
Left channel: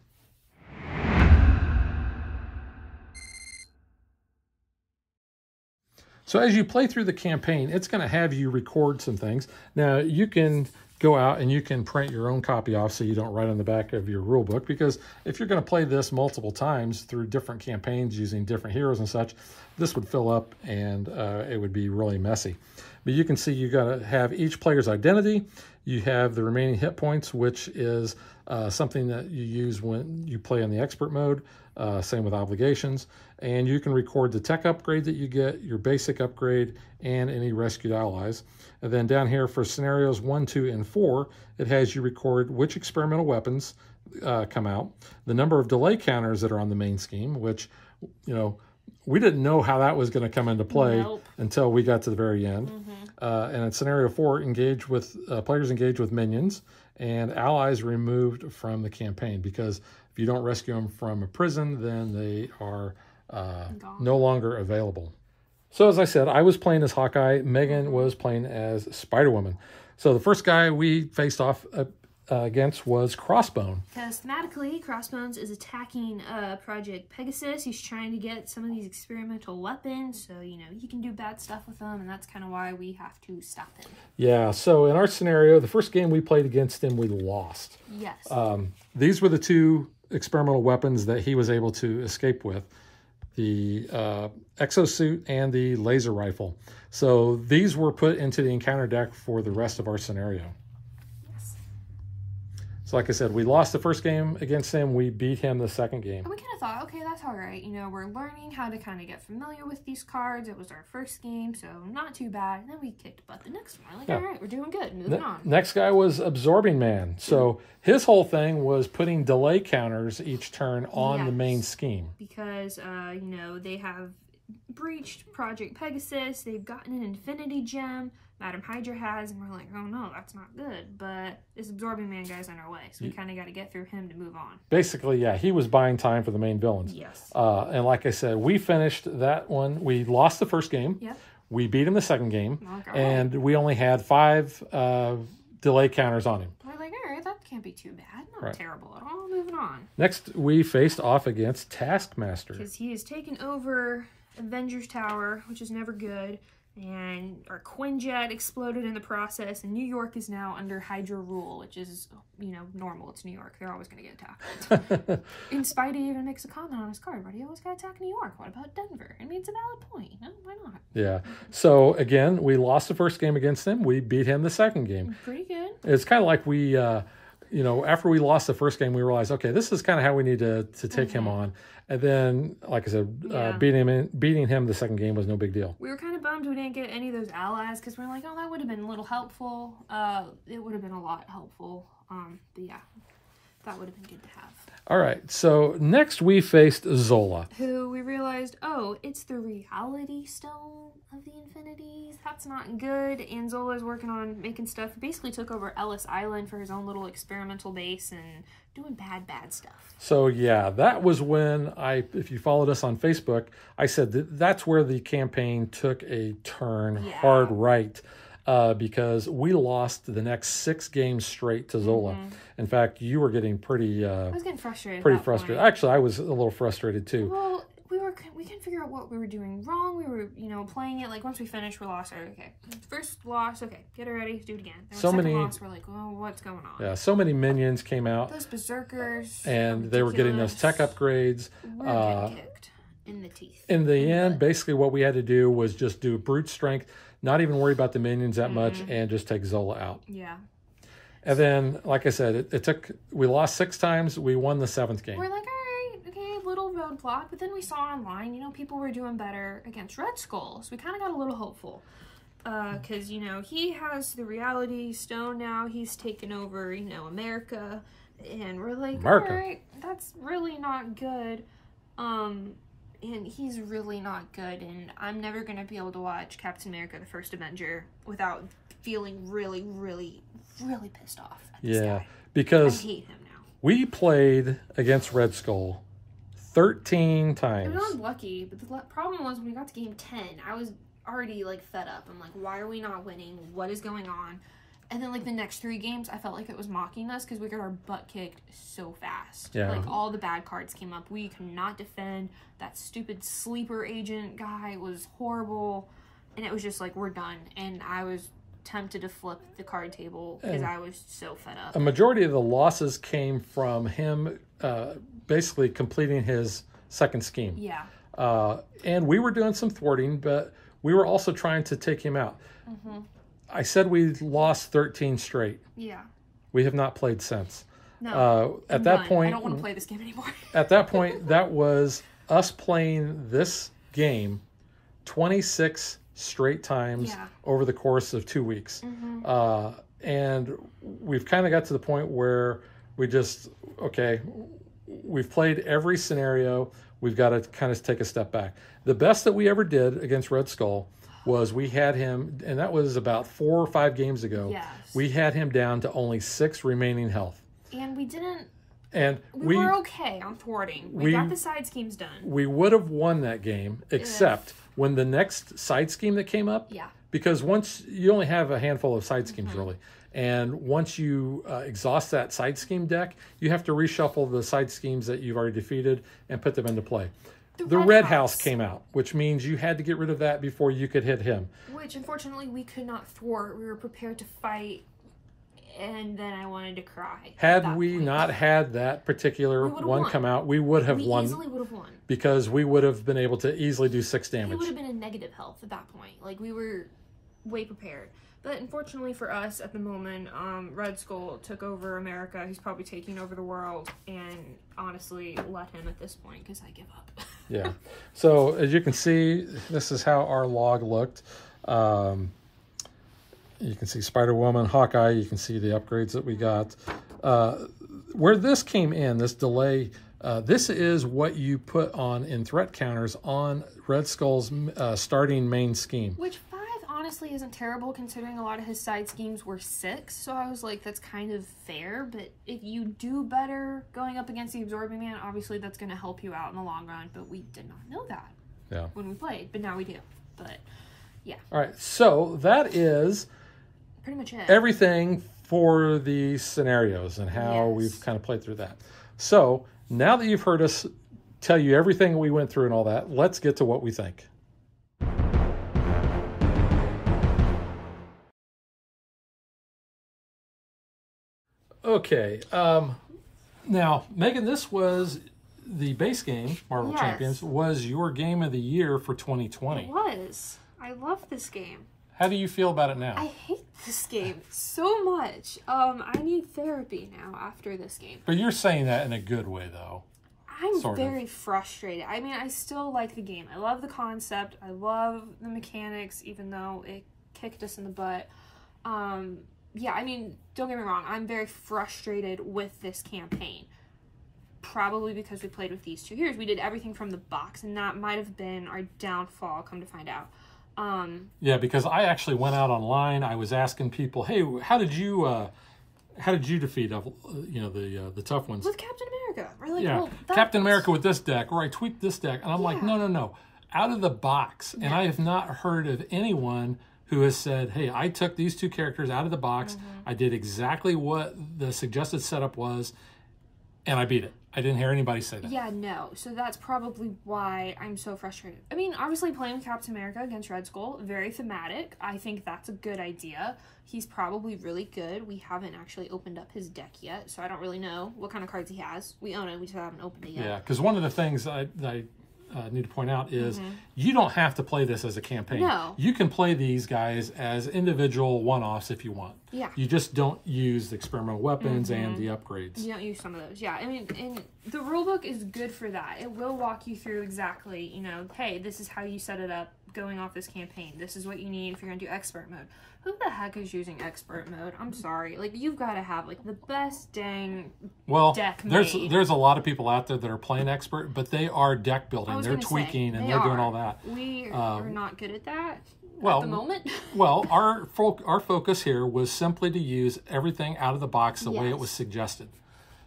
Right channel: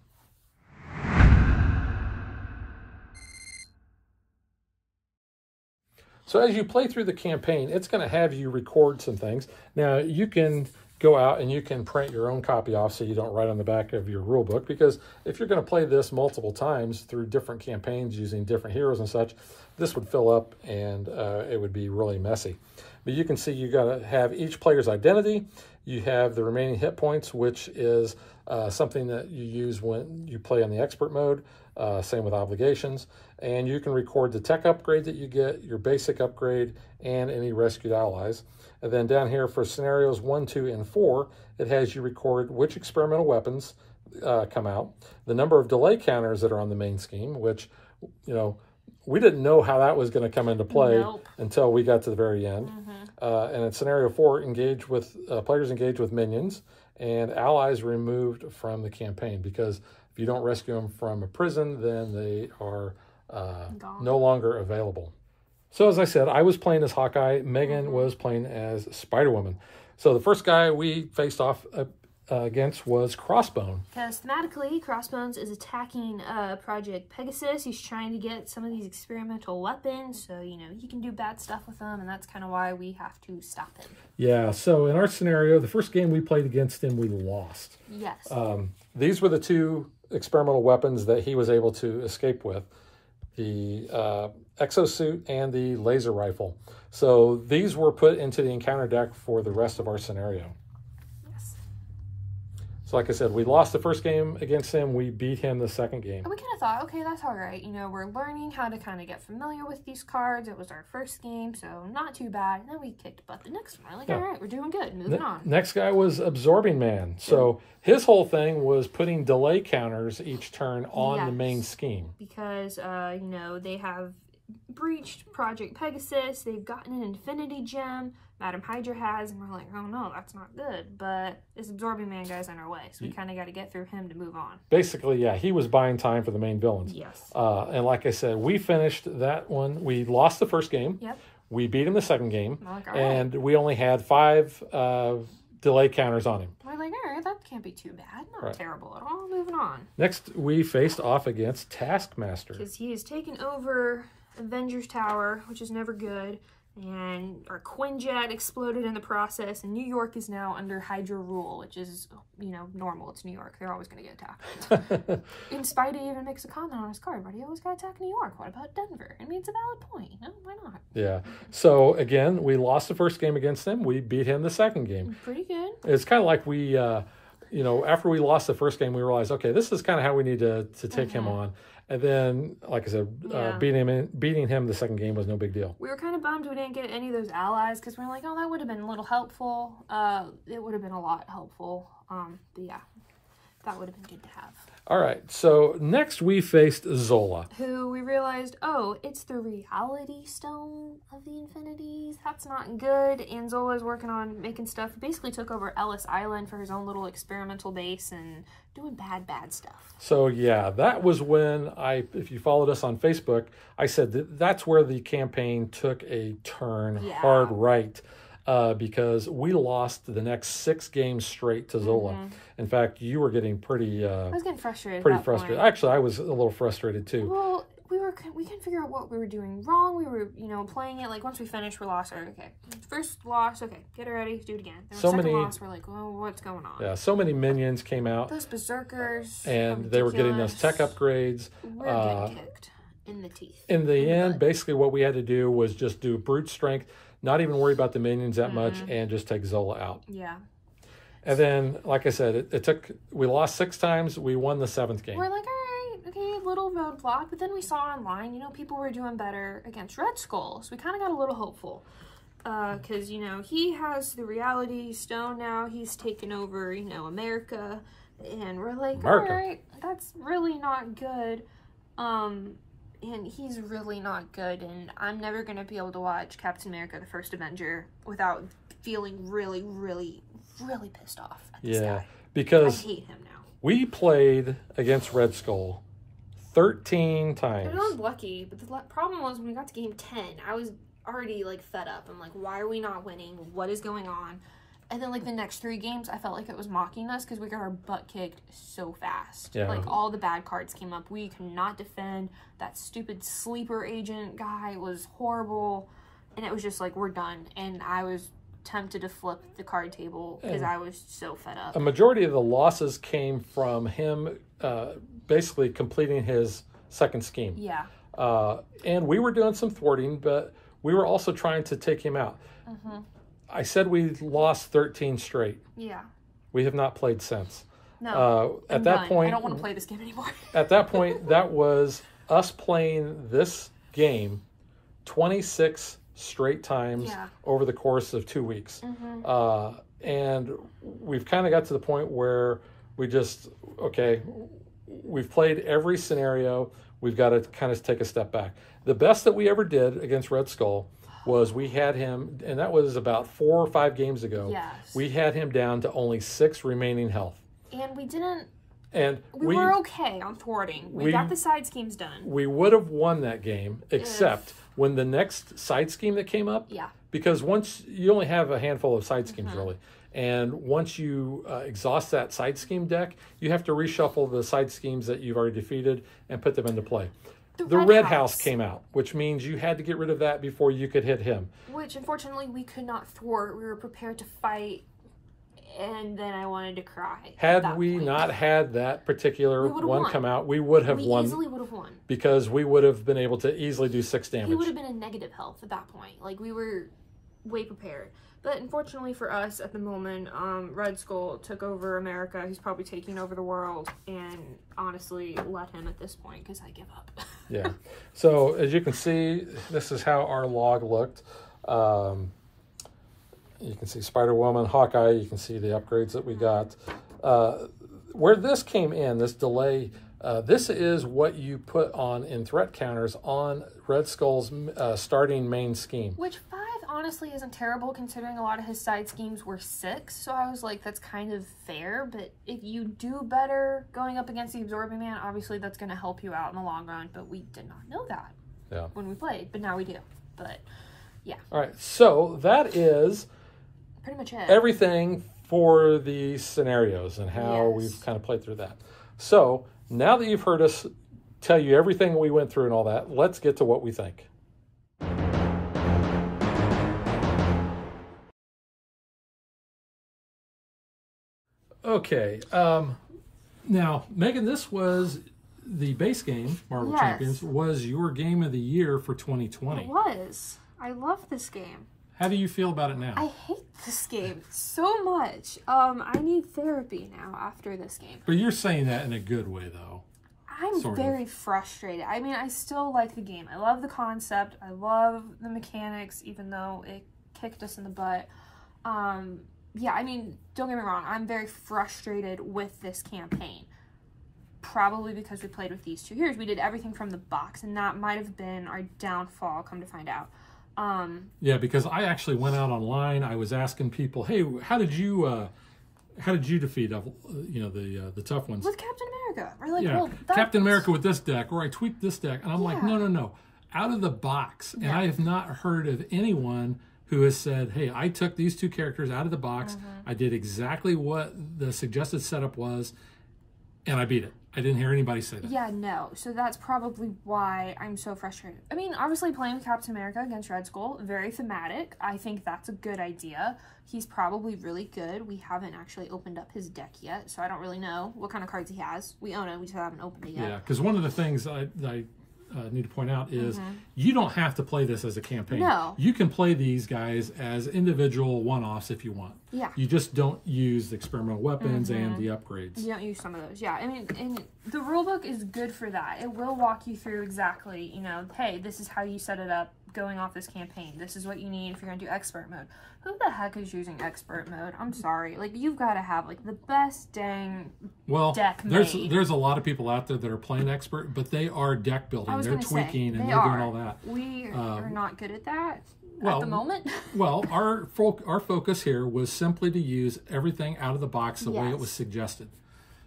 So as you play through the campaign, it's going to have you record some things. Now, you can go out and you can print your own copy off so you don't write on the back of your rule book, because if you're going to play this multiple times through different campaigns using different heroes and such, this would fill up and it would be really messy. But you can see you got to have each player's identity. You have the remaining hit points, which is something that you use when you play in the expert mode. Same with obligations. And you can record the tech upgrade that you get, your basic upgrade, and any rescued allies. And then down here for scenarios 1, 2, and 4, it has you record which experimental weapons come out, the number of delay counters that are on the main scheme, which, you know, we didn't know how that was going to come into play until we got to the very end. And in scenario 4, players engage with minions and allies removed from the campaign, because if you don't rescue them from a prison, then they are no longer available. So as I said, I was playing as Hawkeye. Megan was playing as Spider-Woman. So the first guy we faced off against was Crossbone. Because thematically, Crossbones is attacking Project Pegasus. He's trying to get some of these experimental weapons, so, you know, he can do bad stuff with them, and that's kind of why we have to stop him. Yeah, so in our scenario, the first game we played against him, we lost. Yes. These were the two experimental weapons that he was able to escape with, the exosuit and the laser rifle. So these were put into the encounter deck for the rest of our scenario. So like I said, we lost the first game against him. We beat him the second game. And we kind of thought, okay, that's all right. You know, we're learning how to kind of get familiar with these cards. It was our first game, so not too bad. And then we kicked butt the next one. Like, all right, we're doing good. Moving on. Next guy was Absorbing Man. So his whole thing was putting delay counters each turn on the main scheme. Because, you know, they have breached Project Pegasus. They've gotten an Infinity Gem. Madam Hydra has, and we're like, oh no, that's not good. But this Absorbing Man guy's in our way, so we kind of got to get through him to move on. Basically, yeah, he was buying time for the main villains. Yes. And like I said, we finished that one. We lost the first game. Yep. We beat him the second game. Like, and we only had 5 delay counters on him. We're like, all right, that can't be too bad. Not terrible at all. Moving on. Next, we faced off against Taskmaster. Because he has taken over Avengers Tower, which is never good. And our Quinjet exploded in the process, and New York is now under Hydra rule, which is, you know, normal. It's New York. They're always going to get attacked. And Spidey even makes a comment on his card, but he always got attacked New York. What about Denver? I mean, it's a valid point. No, why not? Yeah. So, again, we lost the first game against him. We beat him the second game. Pretty good. It's kind of like we, you know, after we lost the first game, we realized, okay, this is kind of how we need to take him on. And then, like I said, beating him the second game was no big deal. We were kind of bummed we didn't get any of those allies, because we're like, oh, that would have been a little helpful. It would have been a lot helpful. But yeah, that would have been good to have. All right, so next we faced Zola. Who we realized, oh, it's the reality stone of the infinities. That's not good. And Zola's working on making stuff. He basically took over Ellis Island for his own little experimental base and doing bad stuff. So yeah, that was when if you followed us on Facebook, I said that's where the campaign took a turn hard right. Because we lost the next 6 games straight to Zola. In fact, you were getting pretty... I was getting frustrated. Pretty frustrated. Actually, I was a little frustrated too. Well, we couldn't figure out what we were doing wrong. We were, you know, playing it like once we finished, we lost. Okay, first loss. Okay, get it ready. Do it again. Then second loss. We're like, oh, what's going on? Yeah, so many minions came out. Those berserkers. And they were getting those tech upgrades. We're getting kicked in the teeth. In the end, basically what we had to do was just do brute strength. Not even worry about the minions that much, and just take Zola out. Yeah. And then, like I said, we lost 6 times. We won the 7th game. We're like, all right, okay, little roadblock. But then we saw online, you know, people were doing better against Red Skull. So we kind of got a little hopeful. Because, you know, he has the reality stone now. He's taken over, you know, America. And we're like, all right, that's really not good. And he's really not good, and I'm never going to be able to watch Captain America, the First Avenger, without feeling really, really, really pissed off at this guy. Because I hate him now. We played against Red Skull 13 times. I was lucky, but the problem was when we got to game 10, I was already, like, fed up. I'm like, why are we not winning? What is going on? And then, like, the next 3 games, I felt like it was mocking us because we got our butt kicked so fast. Yeah. Like, all the bad cards came up. We could not defend. That stupid sleeper agent guy was horrible. and it was just like, we're done. And I was tempted to flip the card table because I was so fed up. A majority of the losses came from him basically completing his second scheme. Yeah. And we were doing some thwarting, but we were also trying to take him out. I said we lost 13 straight. Yeah. We have not played since. No. At that point, I don't want to play this game anymore. At that point, that was us playing this game 26 straight times over the course of 2 weeks. And we've kind of got to the point where we just, okay, we've played every scenario. We've got to kind of take a step back. The best that we ever did against Red Skull was we had him, and that was about 4 or 5 games ago. Yes. We had him down to only 6 remaining health. And we didn't... And we were okay on thwarting. We got the side schemes done. We would have won that game, except when the next side scheme that came up. Yeah. Because once you only have a handful of side schemes, really. And once you exhaust that side scheme deck, you have to reshuffle the side schemes that you've already defeated and put them into play. The Red House came out, which means you had to get rid of that before you could hit him. Which, unfortunately, we could not thwart. We were prepared to fight, and then I wanted to cry. Had we not had that particular one come out, we would have won. We easily would have won. Because we would have been able to easily do 6 damage. He would have been in negative health at that point. Like, we were way prepared. But unfortunately for us at the moment, Red Skull took over America. He's probably taking over the world. And honestly, let him at this point because I give up. Yeah. So as you can see, this is how our log looked. You can see Spider-Woman, Hawkeye. You can see the upgrades that we got. Where this came in, this delay, this is what you put on in threat counters on Red Skull's starting main scheme. Which 5 honestly isn't terrible considering a lot of his side schemes were 6. So I was like, that's kind of fair. But if you do better going up against the Absorbing Man, obviously that's going to help you out in the long run. But we did not know that when we played. But now we do. But yeah. All right. So that is pretty much it. Everything for the scenarios and how we've kind of played through that. So now that you've heard us tell you everything we went through and all that, let's get to what we think. Okay. Now, Megan, this was the base game, Marvel Champions, was your game of the year for 2020. It was. I love this game. How do you feel about it now? I hate this game so much. I need therapy now after this game. But you're saying that in a good way, though. I'm very frustrated. I mean, I still like the game. I love the concept. I love the mechanics, even though it kicked us in the butt. Yeah, I mean, don't get me wrong. I'm very frustrated with this campaign. Probably because we played with these 2 heroes. We did everything from the box, and that might have been our downfall, come to find out. Yeah, because I actually went out online. I was asking people, "Hey, how did you defeat, the tough ones?" With Captain America. We're like, well, Captain America with this deck, or I tweaked this deck, and I'm like, no, out of the box. And I have not heard of anyone who has said, "Hey, I took these 2 characters out of the box. I did exactly what the suggested setup was, and I beat it." I didn't hear anybody say that. Yeah, no. So that's probably why I'm so frustrated. I mean, obviously playing Captain America against Red Skull, very thematic. I think that's a good idea. He's probably really good. We haven't actually opened up his deck yet, so I don't really know what kind of cards he has. We own it, we just haven't opened it yet. Yeah, because one of the things I need to point out is you don't have to play this as a campaign. No. You can play these guys as individual one-offs if you want. Yeah. You just don't use the experimental weapons and the upgrades. You don't use some of those. Yeah, I mean, and the rulebook is good for that. It will walk you through exactly, hey, this is how you set it up going off this campaign. This is what you need if you're going to do expert mode. Who the heck is using expert mode? I'm sorry. Like, you've got to have, like, the best dang deck made. There's a lot of people out there that are playing expert, but they are deck building. They're tweaking and they're doing all that. We are not good at that at the moment. Well, our focus here was simply to use everything out of the box the way it was suggested.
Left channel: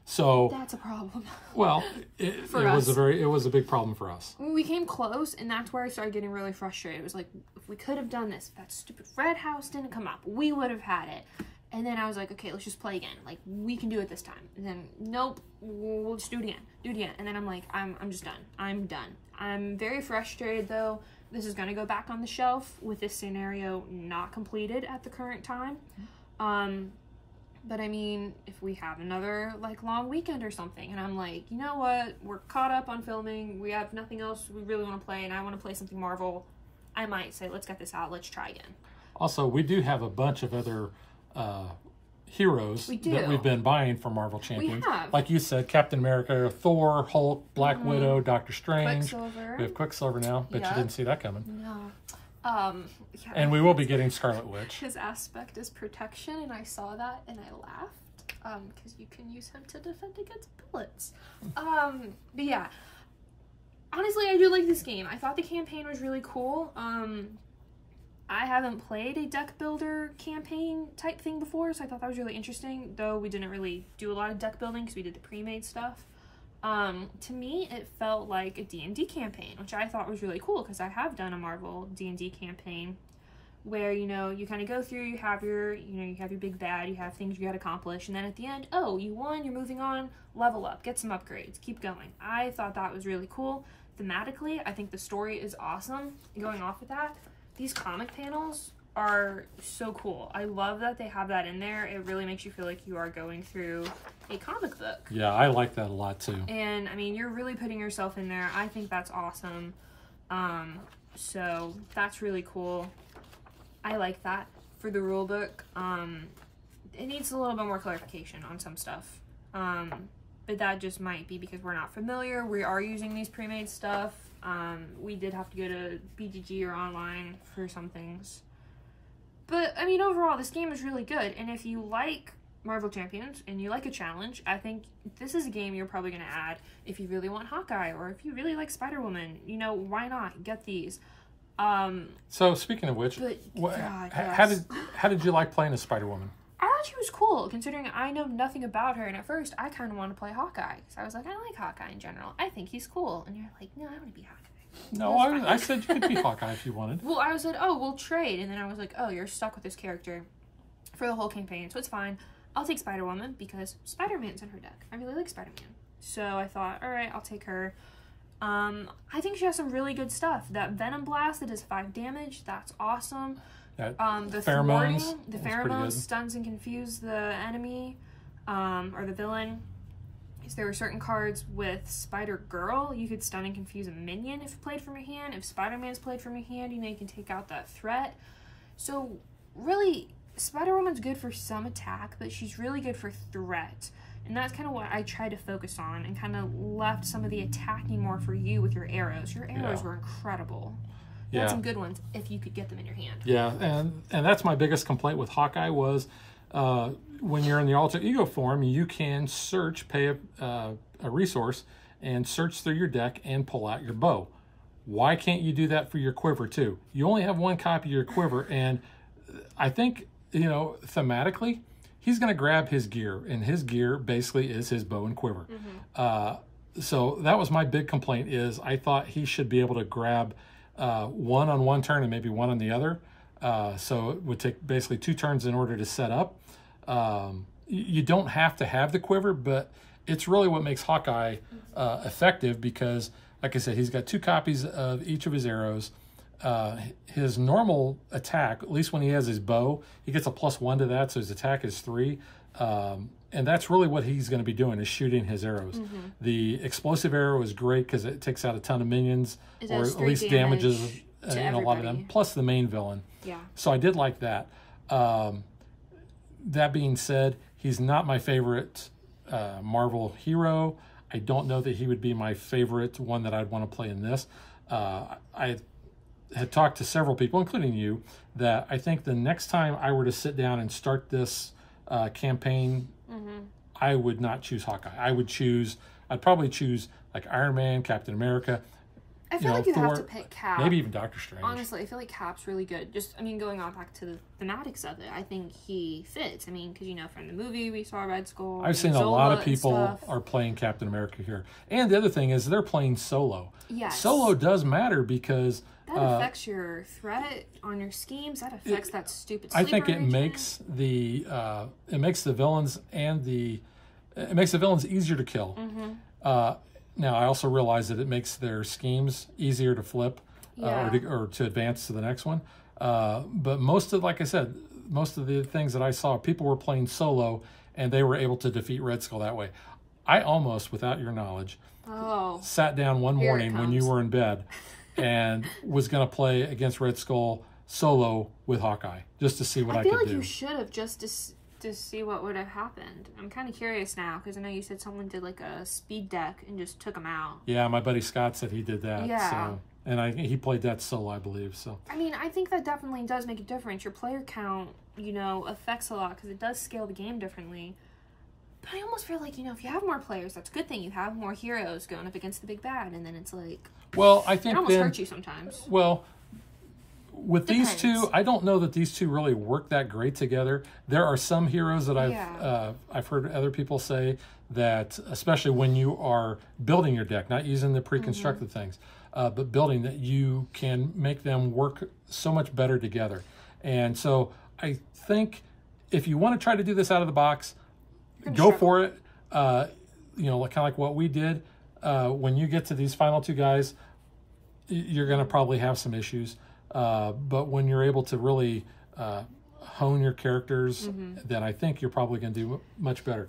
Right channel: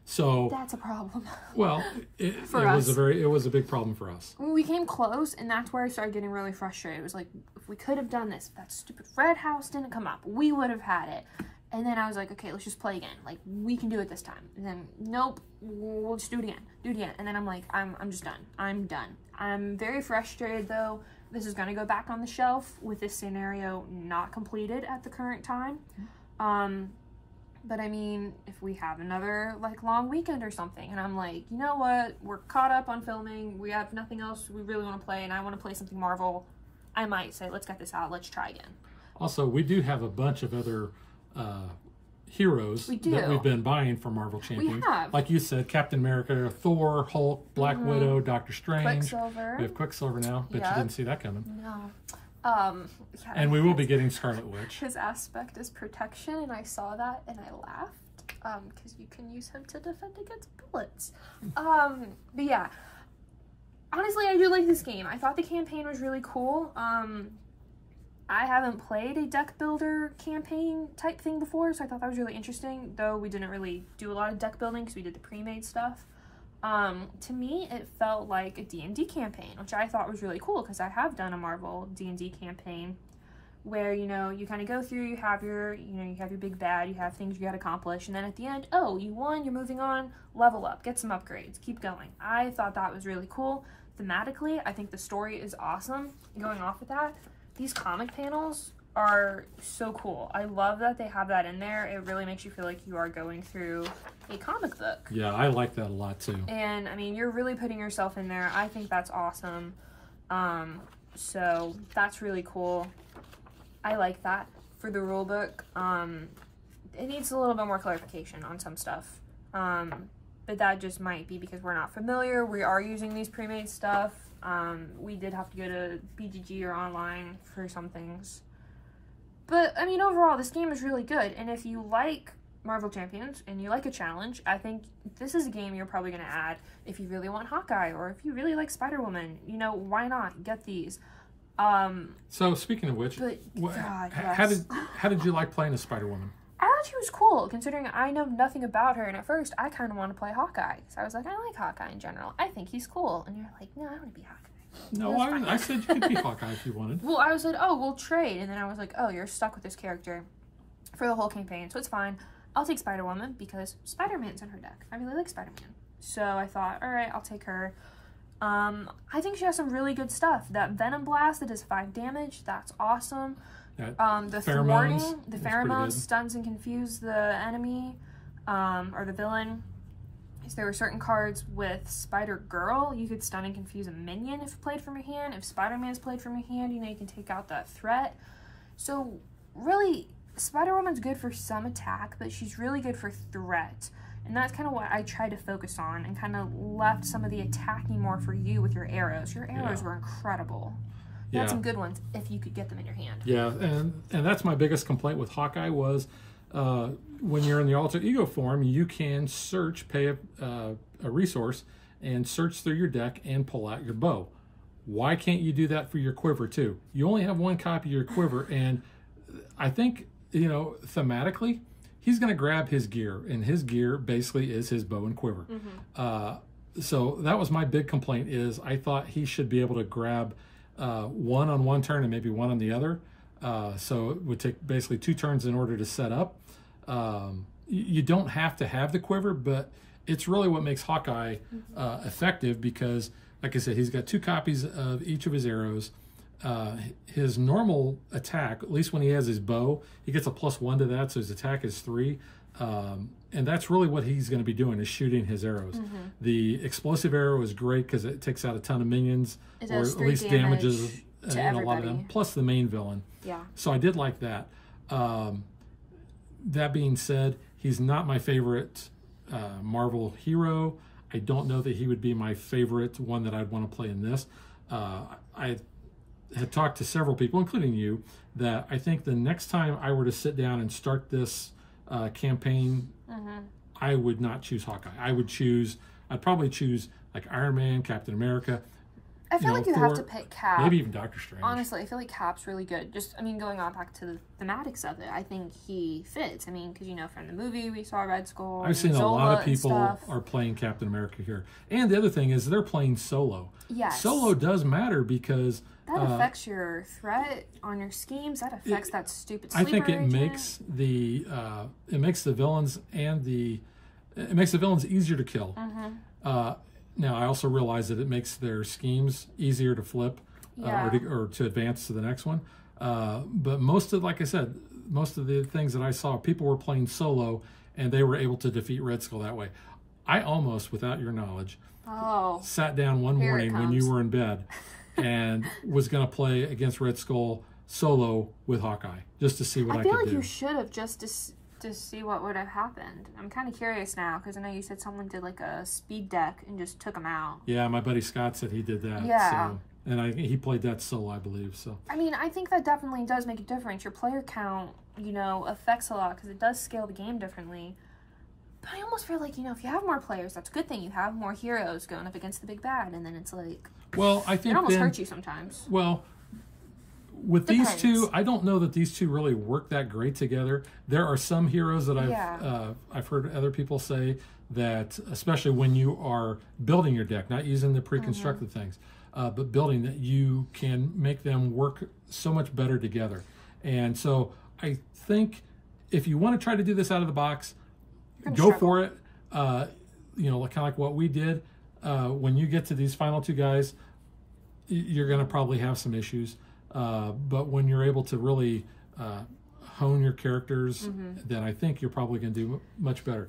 So that's a problem. Well, it was a big problem for us. We came close, and that's where I started getting really frustrated. It was like, if we could have done this, if that stupid Red House didn't come up, we would have had it. And then I was like, okay, let's just play again. Like, we can do it this time. And then, nope, we'll just do it again. And then I'm like, I'm just done. I'm done. I'm very frustrated, though, this is going to go back on the shelf with this scenario not completed at the current time. But I mean, if we have another like long weekend or something, and I'm like, you know what, we're caught up on filming, we have nothing else we really want to play, and I want to play something Marvel, I might say, let's get this out, let's try again. Also, we do have a bunch of other heroes that we've been buying for Marvel Champions. We have. Like you said, Captain America, Thor, Hulk, Black Widow, Doctor Strange. Quicksilver. We have Quicksilver now. Bet you didn't see that coming. No. And we will be getting Scarlet Witch. His aspect is protection, and I saw that and I laughed because you can use him to defend against bullets. But yeah, honestly, I do like this game. I thought the campaign was really cool. I haven't played a deck builder campaign type thing before, so I thought that was really interesting, though we didn't really do a lot of deck building because we did the pre-made stuff. To me, it felt like a D&D campaign, which I thought was really cool because I have done a Marvel D&D campaign where, you know, you kind of go through, you have your big bad, you have things you got to accomplish, and then at the end, oh, you won, you're moving on, level up, get some upgrades, keep going. I thought that was really cool. Thematically, I think the story is awesome. Going off with that, these comic panels are so cool. I love that they have that in there. It really makes you feel like you are going through a comic book. Yeah, I like that a lot too. And I mean, you're really putting yourself in there. I think that's awesome. So that's really cool. I like that for the rule book. It needs a little bit more clarification on some stuff. But that just might be because we're not familiar. We are using these pre-made stuff. We did have to go to BGG or online for some things. But, I mean, overall, this game is really good. And if you like Marvel Champions and you like a challenge, I think this is a game you're probably going to add if you really want Hawkeye or if you really like Spider-Woman. You know, why not? Get these. So, speaking of which, how did you like playing as Spider-Woman? I thought she was cool, considering I know nothing about her. And at first, I kind of want to play Hawkeye. So I was like, I like Hawkeye in general. I think he's cool. And you're like, no, I want to be Hawkeye. No, I said you could be Hawkeye if you wanted. Well, I said, oh, we'll trade. And then I was like, oh, you're stuck with this character for the whole campaign. So it's fine. I'll take Spider-Woman because Spider-Man's in her deck. I really like Spider-Man. So I thought, all right, I'll take her. I think she has some really good stuff. That Venom Blast that does 5 damage, that's awesome. The pheromones stuns and confuse the enemy or the villain. There were certain cards with Spider-Girl, you could stun and confuse a minion if played from your hand. If Spider-Man's played from your hand, you know, you can take out that threat. So really, Spider-Woman's good for some attack, but she's really good for threat. And that's kind of what I tried to focus on and kind of left some of the attacking more for you with your arrows. Your arrows were incredible. You had some good ones if you could get them in your hand. Yeah, and that's my biggest complaint with Hawkeye was when you're in the alter ego form, you can search, pay a resource, and search through your deck and pull out your bow. Why can't you do that for your quiver too? You only have one copy of your quiver, and I think, you know, thematically, he's going to grab his gear, and his gear basically is his bow and quiver. So that was my big complaint is I thought he should be able to grab one on one turn and maybe one on the other. So it would take basically 2 turns in order to set up. You don't have to have the quiver, but it's really what makes Hawkeye effective because, like I said, he's got 2 copies of each of his arrows. His normal attack, at least when he has his bow, he gets a +1 to that, so his attack is 3. And that's really what he's going to be doing is shooting his arrows. The explosive arrow is great because it takes out a ton of minions, or at least damages a lot of them, plus the main villain. Yeah. So I did like that. That being said, he's not my favorite Marvel hero. I don't know that he would be my favorite one that I'd want to play in this. I had talked to several people, including you, that I think the next time I were to sit down and start this campaign, I would not choose Hawkeye. I'd probably choose like Iron Man, Captain America. I feel like you have to pick Cap. Maybe even Doctor Strange. Honestly, I feel like Cap's really good. Just, I mean, going on back to the thematics of it, I think he fits. I mean, because, you know, from the movie, we saw Red Skull. I've seen Zola a lot of people are playing Captain America here. And the other thing is they're playing solo. Yes. Solo does matter because... that affects your threat on your schemes. That affects that stupid sleeper I think it agent. makes the villains it makes the villains easier to kill. Now, I also realize that it makes their schemes easier to flip or to advance to the next one. But most of, like I said, most of the things that I saw, people were playing solo, and they were able to defeat Red Skull that way. I almost, without your knowledge, sat down one morning when you were in bed and was going to play against Red Skull solo with Hawkeye, just to see what I could do. I feel like you should have, just to see what would have happened. I'm kind of curious now, because I know you said someone did like a speed deck and just took him out. Yeah, my buddy Scott said he did that. Yeah. So, and he played that solo, I believe. So I mean, I think that definitely does make a difference. Your player count, you know, affects a lot, because it does scale the game differently. But I almost feel like, you know, if you have more players, that's a good thing. You have more heroes going up against the big bad, and then it's like, well, I think it almost hurts you sometimes. Well, with these two, I don't know that these two really work that great together. There are some heroes that I've heard other people say that, especially when you are building your deck, not using the pre-constructed things, but building, that you can make them work so much better together. And so I think if you want to try to do this out of the box, go for it. You know, kind of like what we did. When you get to these final two guys, you're going to probably have some issues. But when you're able to really hone your characters, then I think you're probably going to do much better.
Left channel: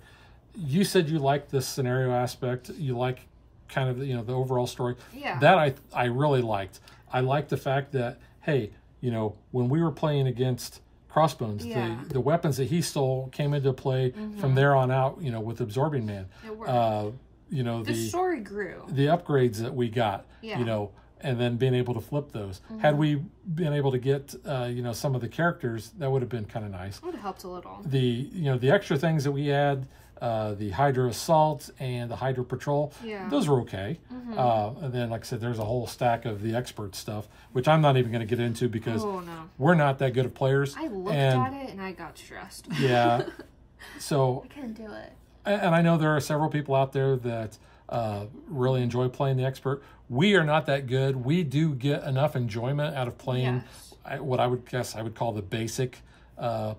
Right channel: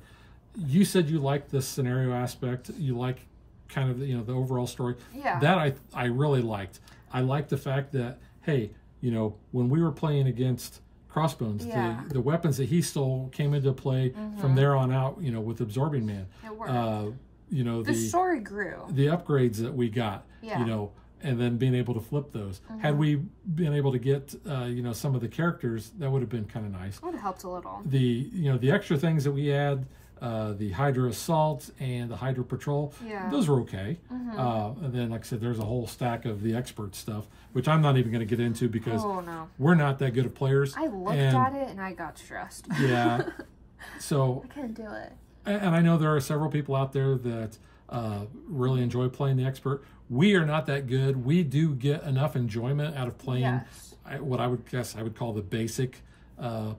You said you liked the scenario aspect. You like kind of, you know, the overall story. Yeah. That I really liked. I liked the fact that, hey, you know, when we were playing against Crossbones, the weapons that he stole came into play from there on out, you know, with Absorbing Man. It worked. You know, the story grew. The upgrades that we got, you know, and then being able to flip those. Had we been able to get, you know, some of the characters, that would have been kind of nice. It would have helped a little. You know, the extra things that we had, the Hydra Assault and the Hydra Patrol, those were okay. And then, like I said, there's a whole stack of the expert stuff, which I'm not even going to get into because we're not that good of players. I looked at it and I got stressed. Yeah. So I couldn't do it. And I know there are several people out there that really enjoy playing the expert. We are not that good. We do get enough enjoyment out of playing what I would call the basic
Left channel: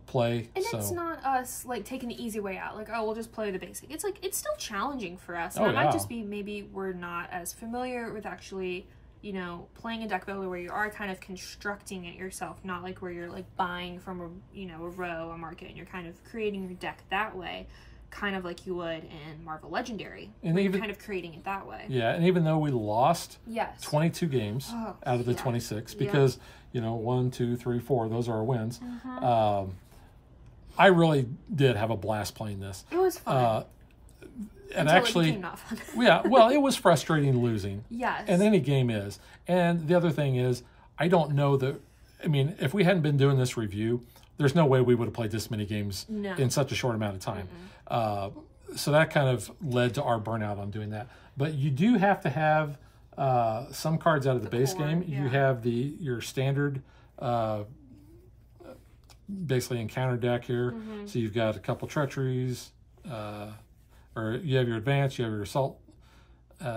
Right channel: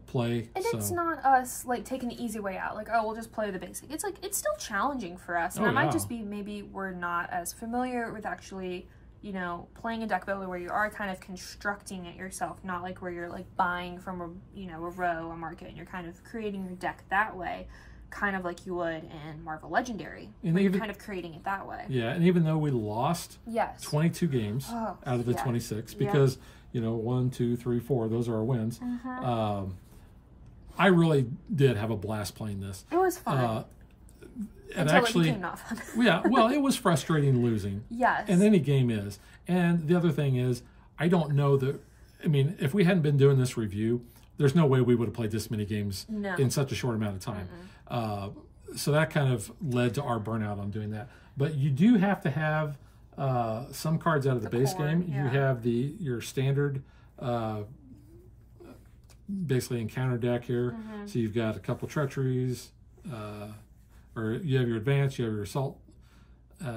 play. And it's not us like taking the easy way out, like, oh, we'll just play the basic. It's like, it's still challenging for us. And it might just be maybe we're not as familiar with actually, you know, playing a deck builder where you are kind of constructing it yourself, not like where you're like buying from a, you know, a row, a market, and you're kind of creating your deck that way, kind of like you would in Marvel Legendary, and you're kind of creating it that way. Yeah, and even though we lost 22 games out of the 26, because you know, 1, 2, 3, 4, those are our wins. I really did have a blast playing this. It was fun. And actually, it became not fun. Well, it was frustrating losing. Yes. And any game is. And the other thing is, I don't know that, I mean, if we hadn't been doing this review, there's no way we would have played this many games in such a short amount of time. So that kind of led to our burnout on doing that. But you do have to have some cards out of the base game. You have your standard basically encounter deck here. So you've got a couple treacheries, or you have your advance, you have your assault,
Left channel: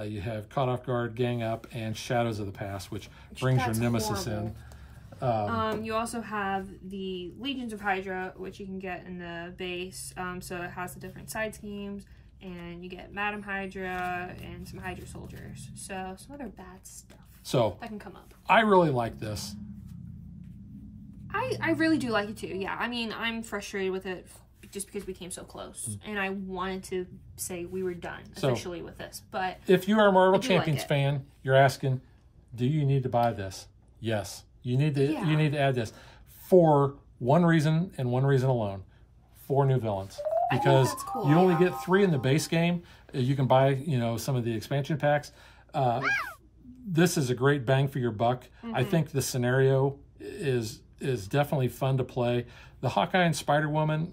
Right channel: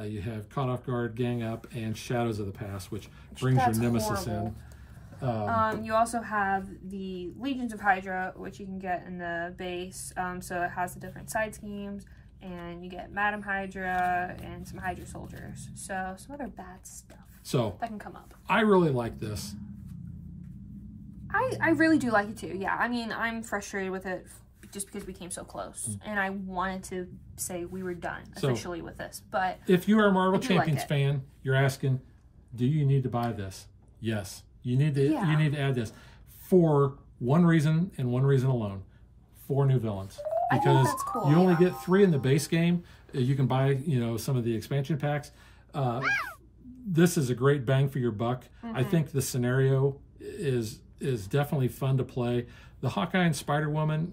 you have caught off guard, gang up, and shadows of the past, which brings your nemesis in. You also have the Legions of Hydra, which you can get in the base. So it has the different side schemes, and you get Madam Hydra and some Hydra soldiers. So some other bad stuff that can come up. I really like this. I really do like it too. Yeah, I mean, I'm frustrated with it just because we came so close, and I wanted to say we were done officially with this. But if you are a Marvel Champions fan, you're asking, do you need to buy this? Yes. You need to add this for one reason and one reason alone: 4 new villains. Because you only get 3 in the base game. You can buy, you know, some of the expansion packs. This is a great bang for your buck. I think the scenario is definitely fun to play. The Hawkeye and Spider-Woman,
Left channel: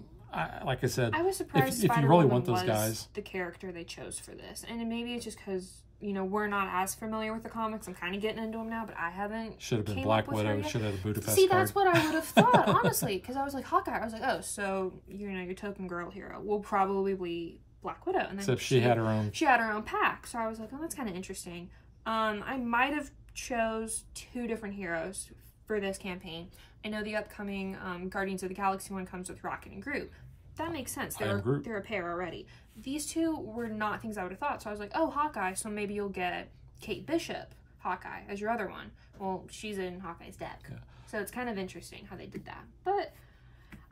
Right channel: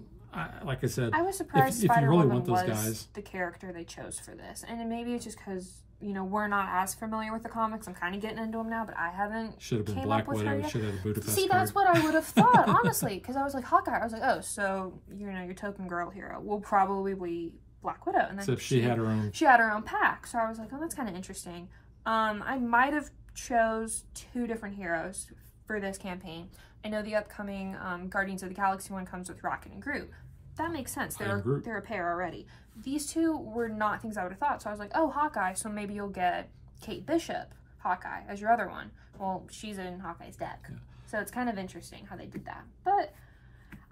like I said, I was surprised if you really want those guys, the character they chose for this, and maybe it's just because, you know, we're not as familiar with the comics. I'm kind of getting into them now, but I haven't. Should have been Black Widow. Should have had a Budapest card. That's what I would have thought, honestly, because I was like, Hawkeye. I was like, oh, so, you know, your token girl hero will probably be Black Widow, and then except she had her own. She had her own pack, so I was like, oh, that's kind of interesting. I might have chose 2 different heroes for this campaign. I know the upcoming Guardians of the Galaxy one comes with Rocket and Groot. That makes sense. They're a pair already. These 2 were not things I would have thought. So I was like, oh, Hawkeye, so maybe you'll get Kate Bishop, Hawkeye as your other one. Well, she's in Hawkeye's deck. Yeah. So it's kind of interesting how they did that. But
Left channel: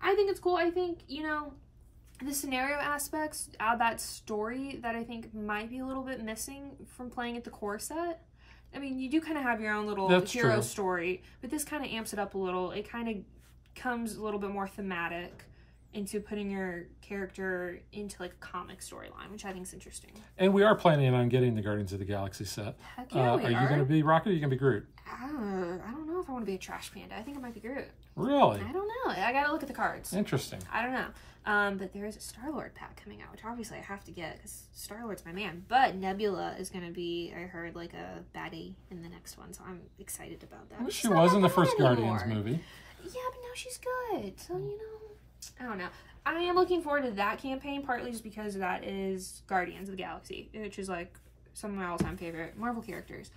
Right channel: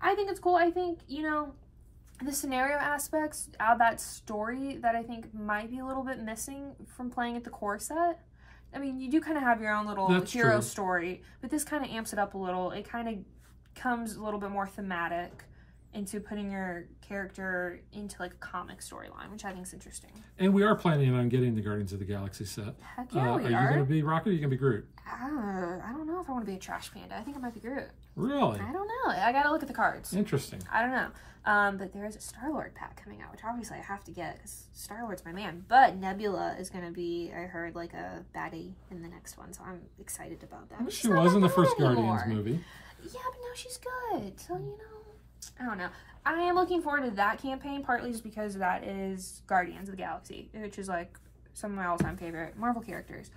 I think it's cool. I think, you know, the scenario aspects add that story that I think might be a little bit missing from playing at the core set. I mean, you do kind of have your own little hero story, but this kind of amps it up a little. It kind of comes a little bit more thematic into putting your character into like a comic storyline, which I think is interesting. And we are planning on getting the Guardians of the Galaxy set. Heck yeah, we are. Are you going to be Rocket or are you going to be Groot? I don't know if I want to be a trash panda. I think I might be Groot. Really? I don't know. I got to look at the cards. Interesting. I don't know. But there is a Star-Lord pack coming out, which obviously I have to get because Star-Lord's my man. But Nebula is going to be, I heard, like a baddie in the next one, so I'm excited about that. She was in the first Guardians movie. Yeah, but now she's good. So, you know, I don't know. I am looking forward to that campaign, partly just because that is Guardians of the Galaxy, which is like some of my all-time favorite Marvel characters.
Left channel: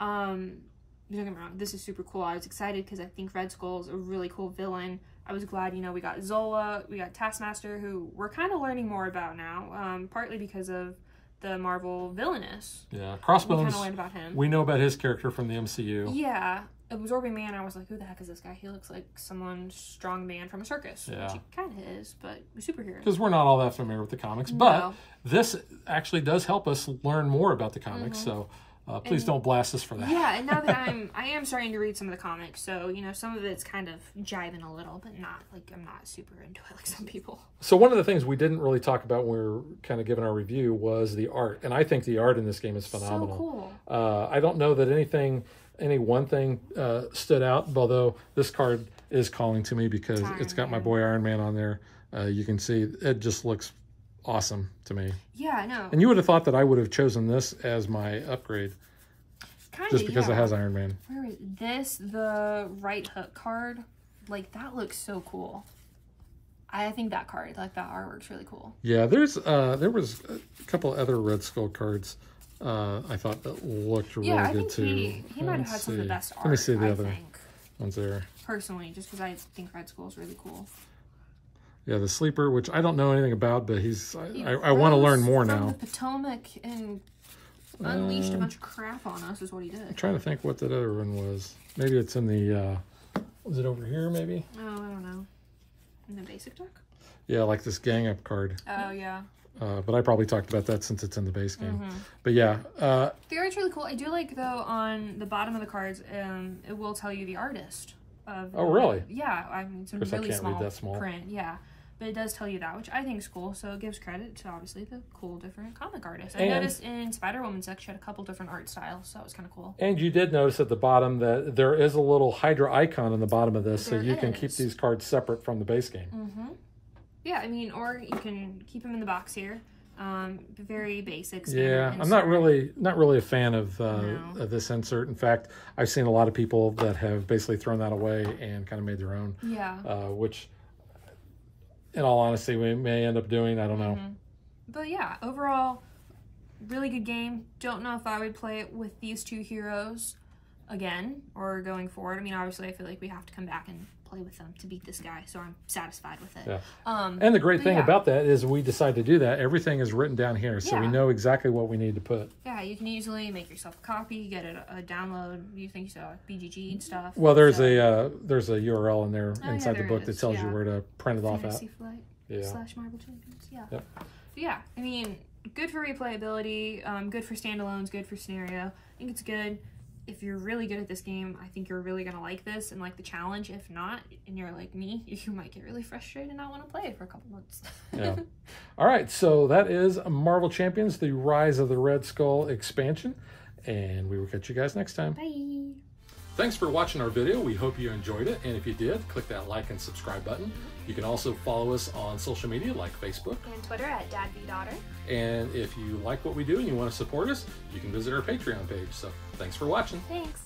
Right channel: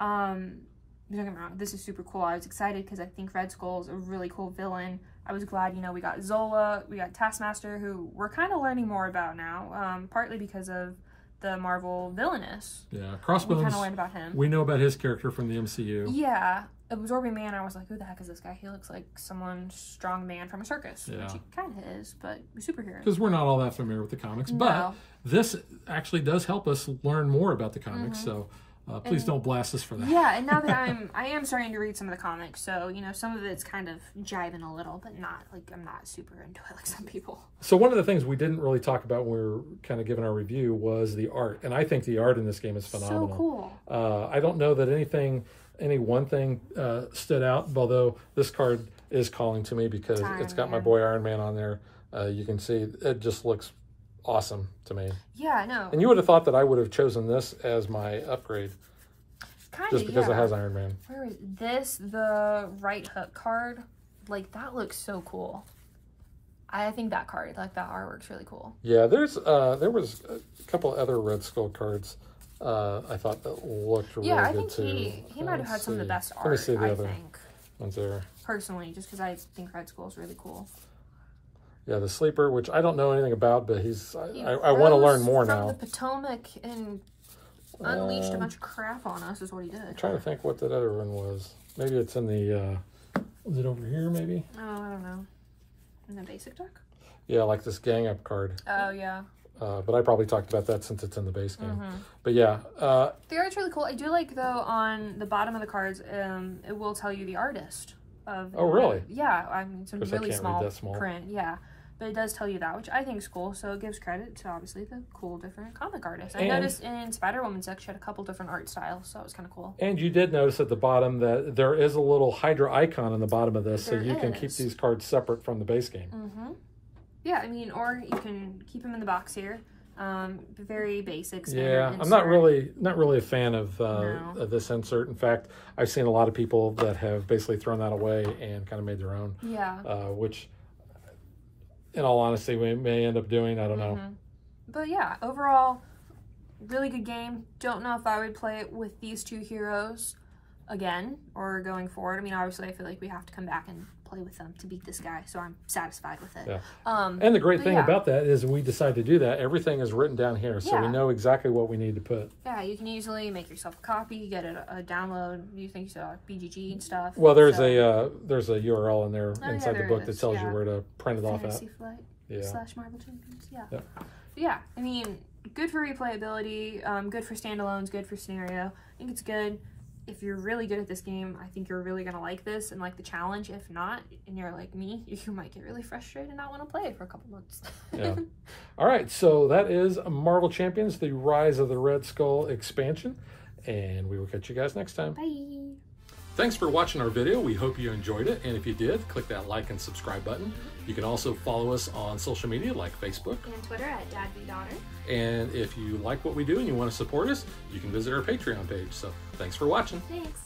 Don't get me wrong, this is super cool. I was excited because I think Red Skull's a really cool villain. I was glad, you know, we got Zola, we got Taskmaster, who we're kind of learning more about now, partly because of the Marvel villainous. Yeah, Crossbones. We kind of learned about him. We know about his character from the MCU. Yeah. Absorbing Man, I was like, who the heck is this guy? He looks like someone strong man from a circus, which he kind of is, but a superhero. Because we're not all that familiar with the comics, but this actually does help us learn more about the comics, so please don't blast us for that. Yeah, and now that I am starting to read some of the comics, so, you know, some of it's kind of jiving a little, but not, like, I'm not super into it like some people. So one of the things we didn't really talk about when we were kind of giving our review was the art, and I think the art in this game is phenomenal. So cool. I don't know that any one thing stood out, although this card is calling to me because it's got my boy Iron Man on there. You can see it just looks awesome to me. Yeah, I know. And you would have thought that I would have chosen this as my upgrade. Just because it has Iron Man. Where is this? The right hook card? Like, that looks so cool. I think that card, like, that artwork's really cool. Yeah, there was a couple other Red Skull cards I thought that looked really good too. Yeah, I think he might have had some of the best art, I think. Ones there. Personally, just because I think Red Skull is really cool. Yeah, the Sleeper, which I don't know anything about, but I want to learn more now. From the Potomac and unleashed a bunch of crap on us is what he did. I'm trying to think what that other one was. Maybe it's in the, was it over here maybe? Oh, I don't know. In the basic deck? Yeah, like this gang up card. Oh, yeah. But I probably talked about that since it's in the base game. But yeah. The art's really cool. I do like, though, on the bottom of the cards, it will tell you the artist. Oh, really? Yeah. I mean, it's a really small print. Yeah. But it does tell you that, which I think is cool. So it gives credit to, obviously, the cool different comic artists. I noticed in Spider-Woman's deck, she had a couple different art styles, so it was kind of cool. And you did notice at the bottom that there is a little Hydra icon in the bottom of this, so you can keep these cards separate from the base game. Yeah, I mean, or you can keep them in the box here. Very basic. Yeah, I'm not really a fan of this insert. In fact, I've seen a lot of people that have basically thrown that away and kind of made their own. Yeah. Which, in all honesty, we may end up doing. I don't know. But yeah, overall, really good game. Don't know if I would play it with these two heroes again or going forward. I mean, obviously, I feel like we have to come back and play with them to beat this guy, so I'm satisfied with it. Yeah. And the great thing about that is we decide to do that. Everything is written down here, so we know exactly what we need to put. Yeah, you can easily make yourself a copy, get a download. You think you saw BGG and stuff. Well, there's a URL in there inside the book that tells you where to print it off at. Flight / Marvel Champions. Yeah. Yeah, I mean, good for replayability, good for standalones, good for scenario. I think it's good. If you're really good at this game, I think you're really going to like this and like the challenge. If not, and you're like me, you might get really frustrated and not want to play it for a couple months. All right, so that is Marvel Champions, the Rise of the Red Skull expansion, and we will catch you guys next time. Bye. Thanks for watching our video. We hope you enjoyed it, and if you did, click that like and subscribe button. You can also follow us on social media like Facebook and Twitter at DadBeDaughter. And if you like what we do and you want to support us, you can visit our Patreon page. So thanks for watching. Thanks.